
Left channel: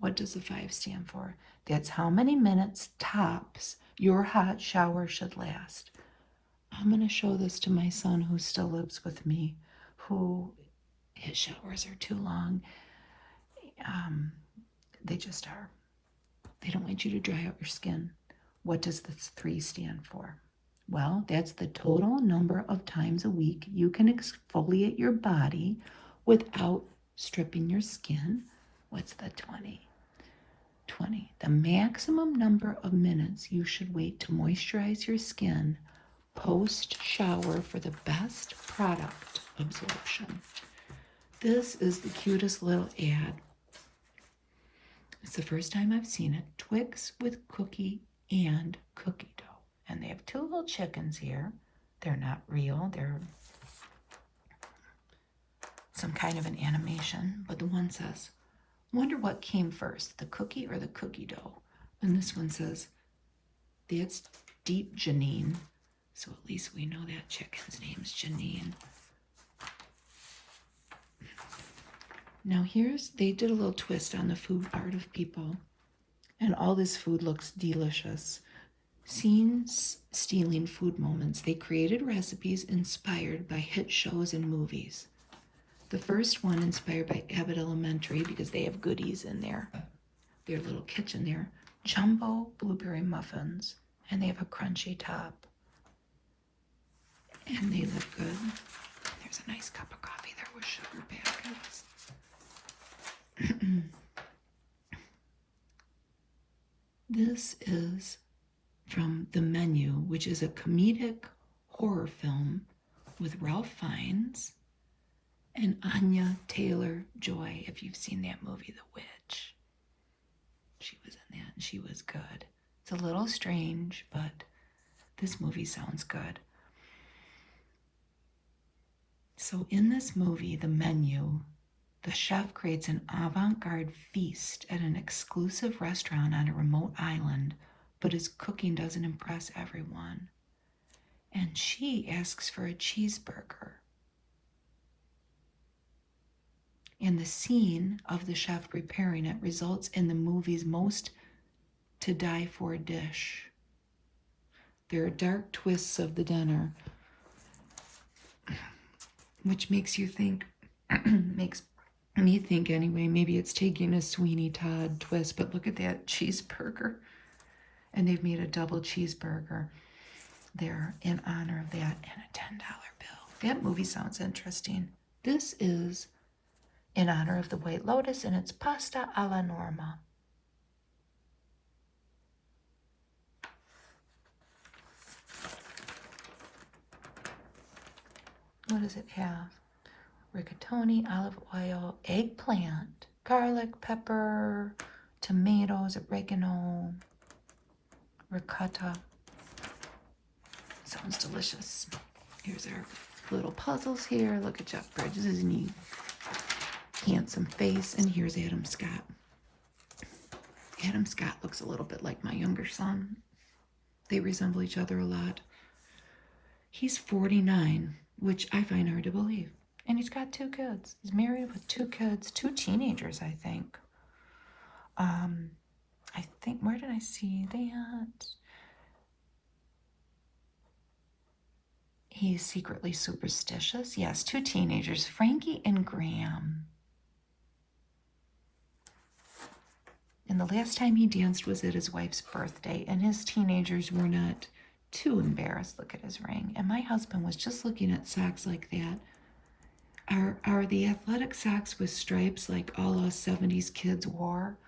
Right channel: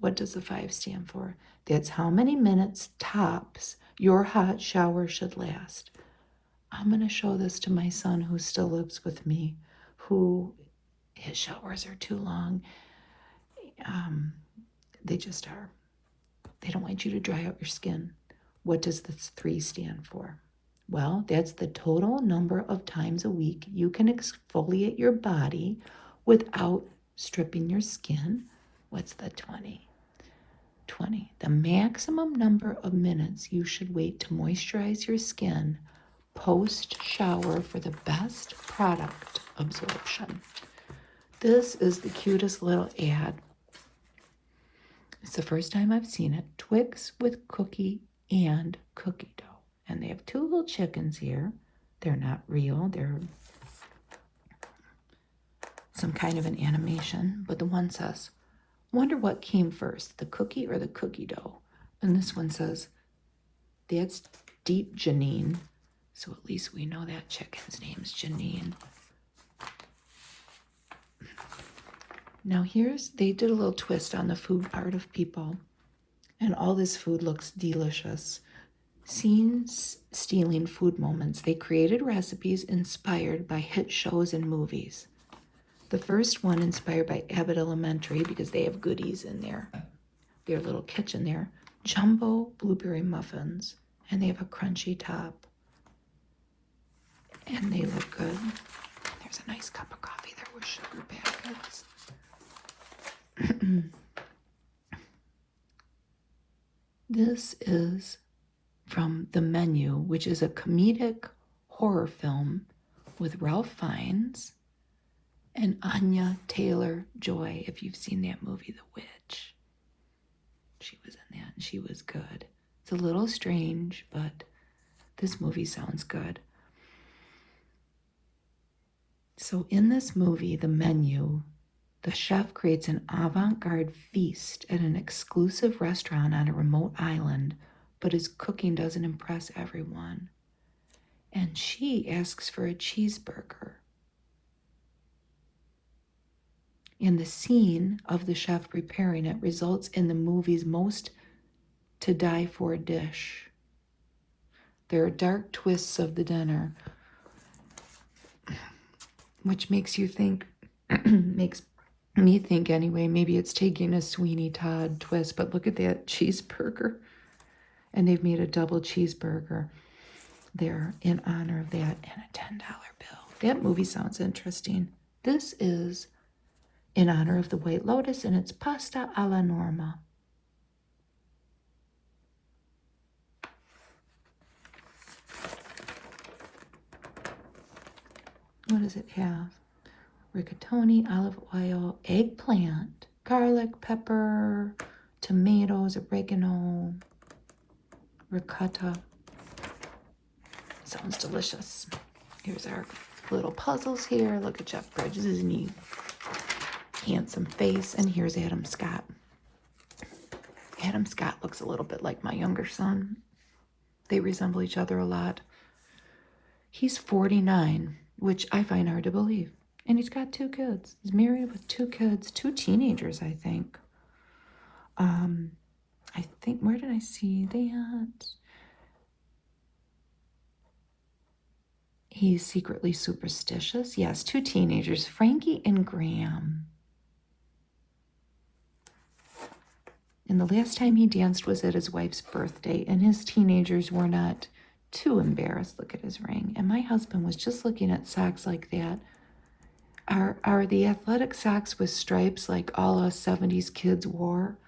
What does the 5 stand for? That's how many minutes tops your hot shower should last. I'm going to show this to my son who still lives with me, who his showers are too long. They just are. They don't want you to dry out your skin. What does the 3 stand for? Well, that's the total number of times a week you can exfoliate your body without stripping your skin. What's the 20? 20. The maximum number of minutes you should wait to moisturize your skin post-shower for the best product absorption. This is the cutest little ad. It's the first time I've seen it. Twix with cookie and cookie dough. And they have 2 little chickens here. They're not real. They're some kind of an animation. But the one says, wonder what came first, the cookie or the cookie dough? And this one says, that's Deep Janine. So at least we know that chicken's name's Janine. Now they did a little twist on the food part of people. And all this food looks delicious. Scenes stealing food moments. They created recipes inspired by hit shows and movies. The first one inspired by Abbott Elementary because they have goodies in there. Their little kitchen there. Jumbo blueberry muffins. And they have a crunchy top. And they look good. There's a nice cup of coffee there with sugar packets. This is from The Menu, which is a comedic horror film with Ralph Fiennes and Anya Taylor-Joy. If you've seen that movie, The Witch, she was in that and she was good. It's a little strange, but this movie sounds good. So in this movie, The Menu, the chef creates an avant-garde feast at an exclusive restaurant on a remote island, but his cooking doesn't impress everyone. And she asks for a cheeseburger. In the scene of the chef preparing it results in the movie's most to die for dish. There are dark twists of the dinner, which makes you think, makes me think anyway, maybe it's taking a Sweeney Todd twist, but look at that cheeseburger. And they've made a double cheeseburger there in honor of that, and a $10 bill. That movie sounds interesting. This is in honor of the White Lotus, and it's pasta alla norma. What does it have? Rigatoni, olive oil, eggplant, garlic, pepper, tomatoes, oregano, ricotta. Sounds delicious. Here's our little puzzles here. Look at Jeff Bridges' neat, handsome face. And here's Adam Scott. Adam Scott looks a little bit like my younger son. They resemble each other a lot. He's 49, which I find hard to believe. And he's got 2 kids. He's married with 2 kids, 2 teenagers, I think. Where did I see that? He's secretly superstitious. Yes, 2 teenagers, Frankie and Graham. And the last time he danced was at his wife's birthday, and his teenagers were not too embarrassed. Look at his ring. And my husband was just looking at socks like that. Are the athletic socks with stripes like all us 70s kids wore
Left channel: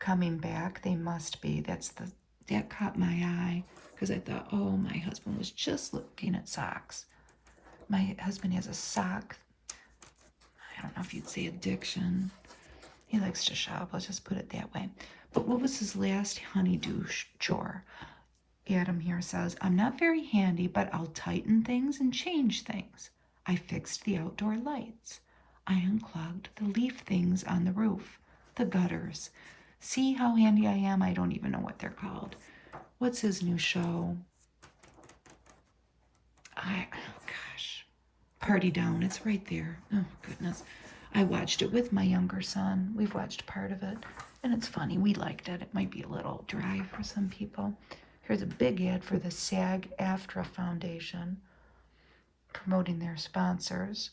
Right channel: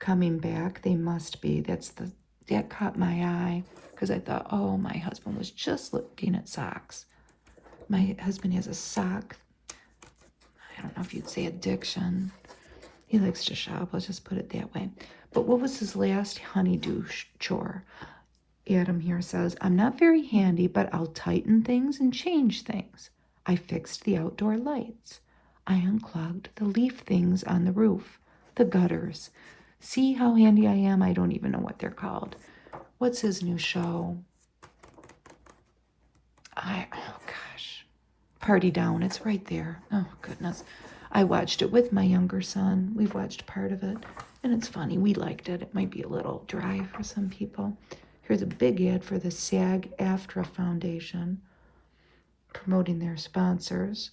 coming back? They must be. That caught my eye, because I thought, oh, my husband was just looking at socks. My husband has a sock, I don't know if you'd say addiction. He likes to shop, let's just put it that way. But what was his last honeydew chore? Adam here says, I'm not very handy, but I'll tighten things and change things. I fixed the outdoor lights. I unclogged the leaf things on the roof, the gutters. See how handy I am? I don't even know what they're called. What's his new show? Oh gosh. Party Down. It's right there. Oh goodness. I watched it with my younger son. We've watched part of it. And it's funny. We liked it. It might be a little dry for some people. Here's a big ad for the SAG-AFTRA Foundation, promoting their sponsors,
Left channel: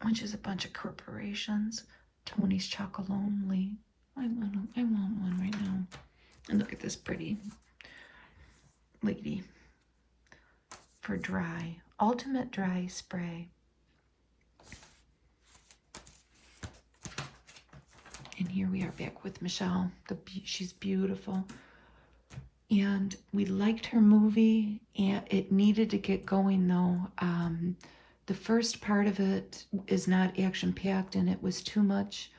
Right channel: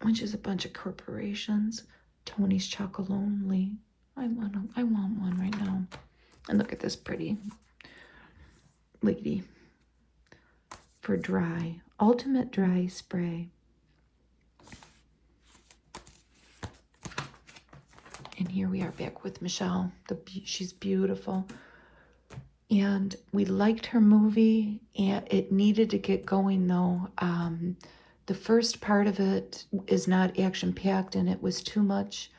which is a bunch of corporations. Tony's Chocolate Only. I want one right now. And look at this pretty lady for dry. Ultimate Dry Spray. And here we are back with Michelle. She's beautiful. And we liked her movie, and it needed to get going though. The first part of it is not action-packed, and it was too much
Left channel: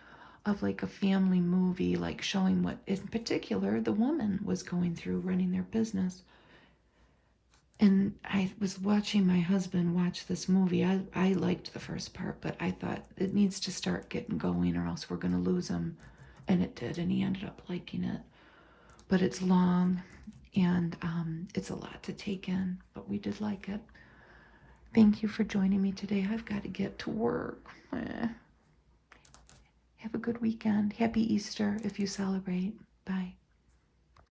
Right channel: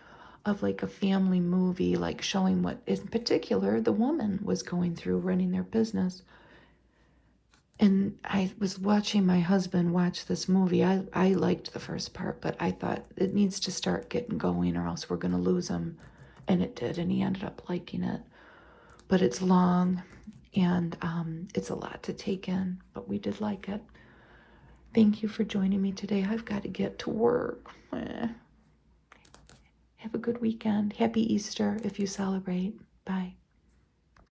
of like a family movie, like showing what in particular the woman was going through running their business. And I was watching my husband watch this movie. I liked the first part, but I thought it needs to start getting going or else we're going to lose him. And it did, and he ended up liking it. But it's long, and it's a lot to take in, but we did like it. Thank you for joining me today. I've got to get to work. Have a good weekend. Happy Easter if you celebrate. Bye.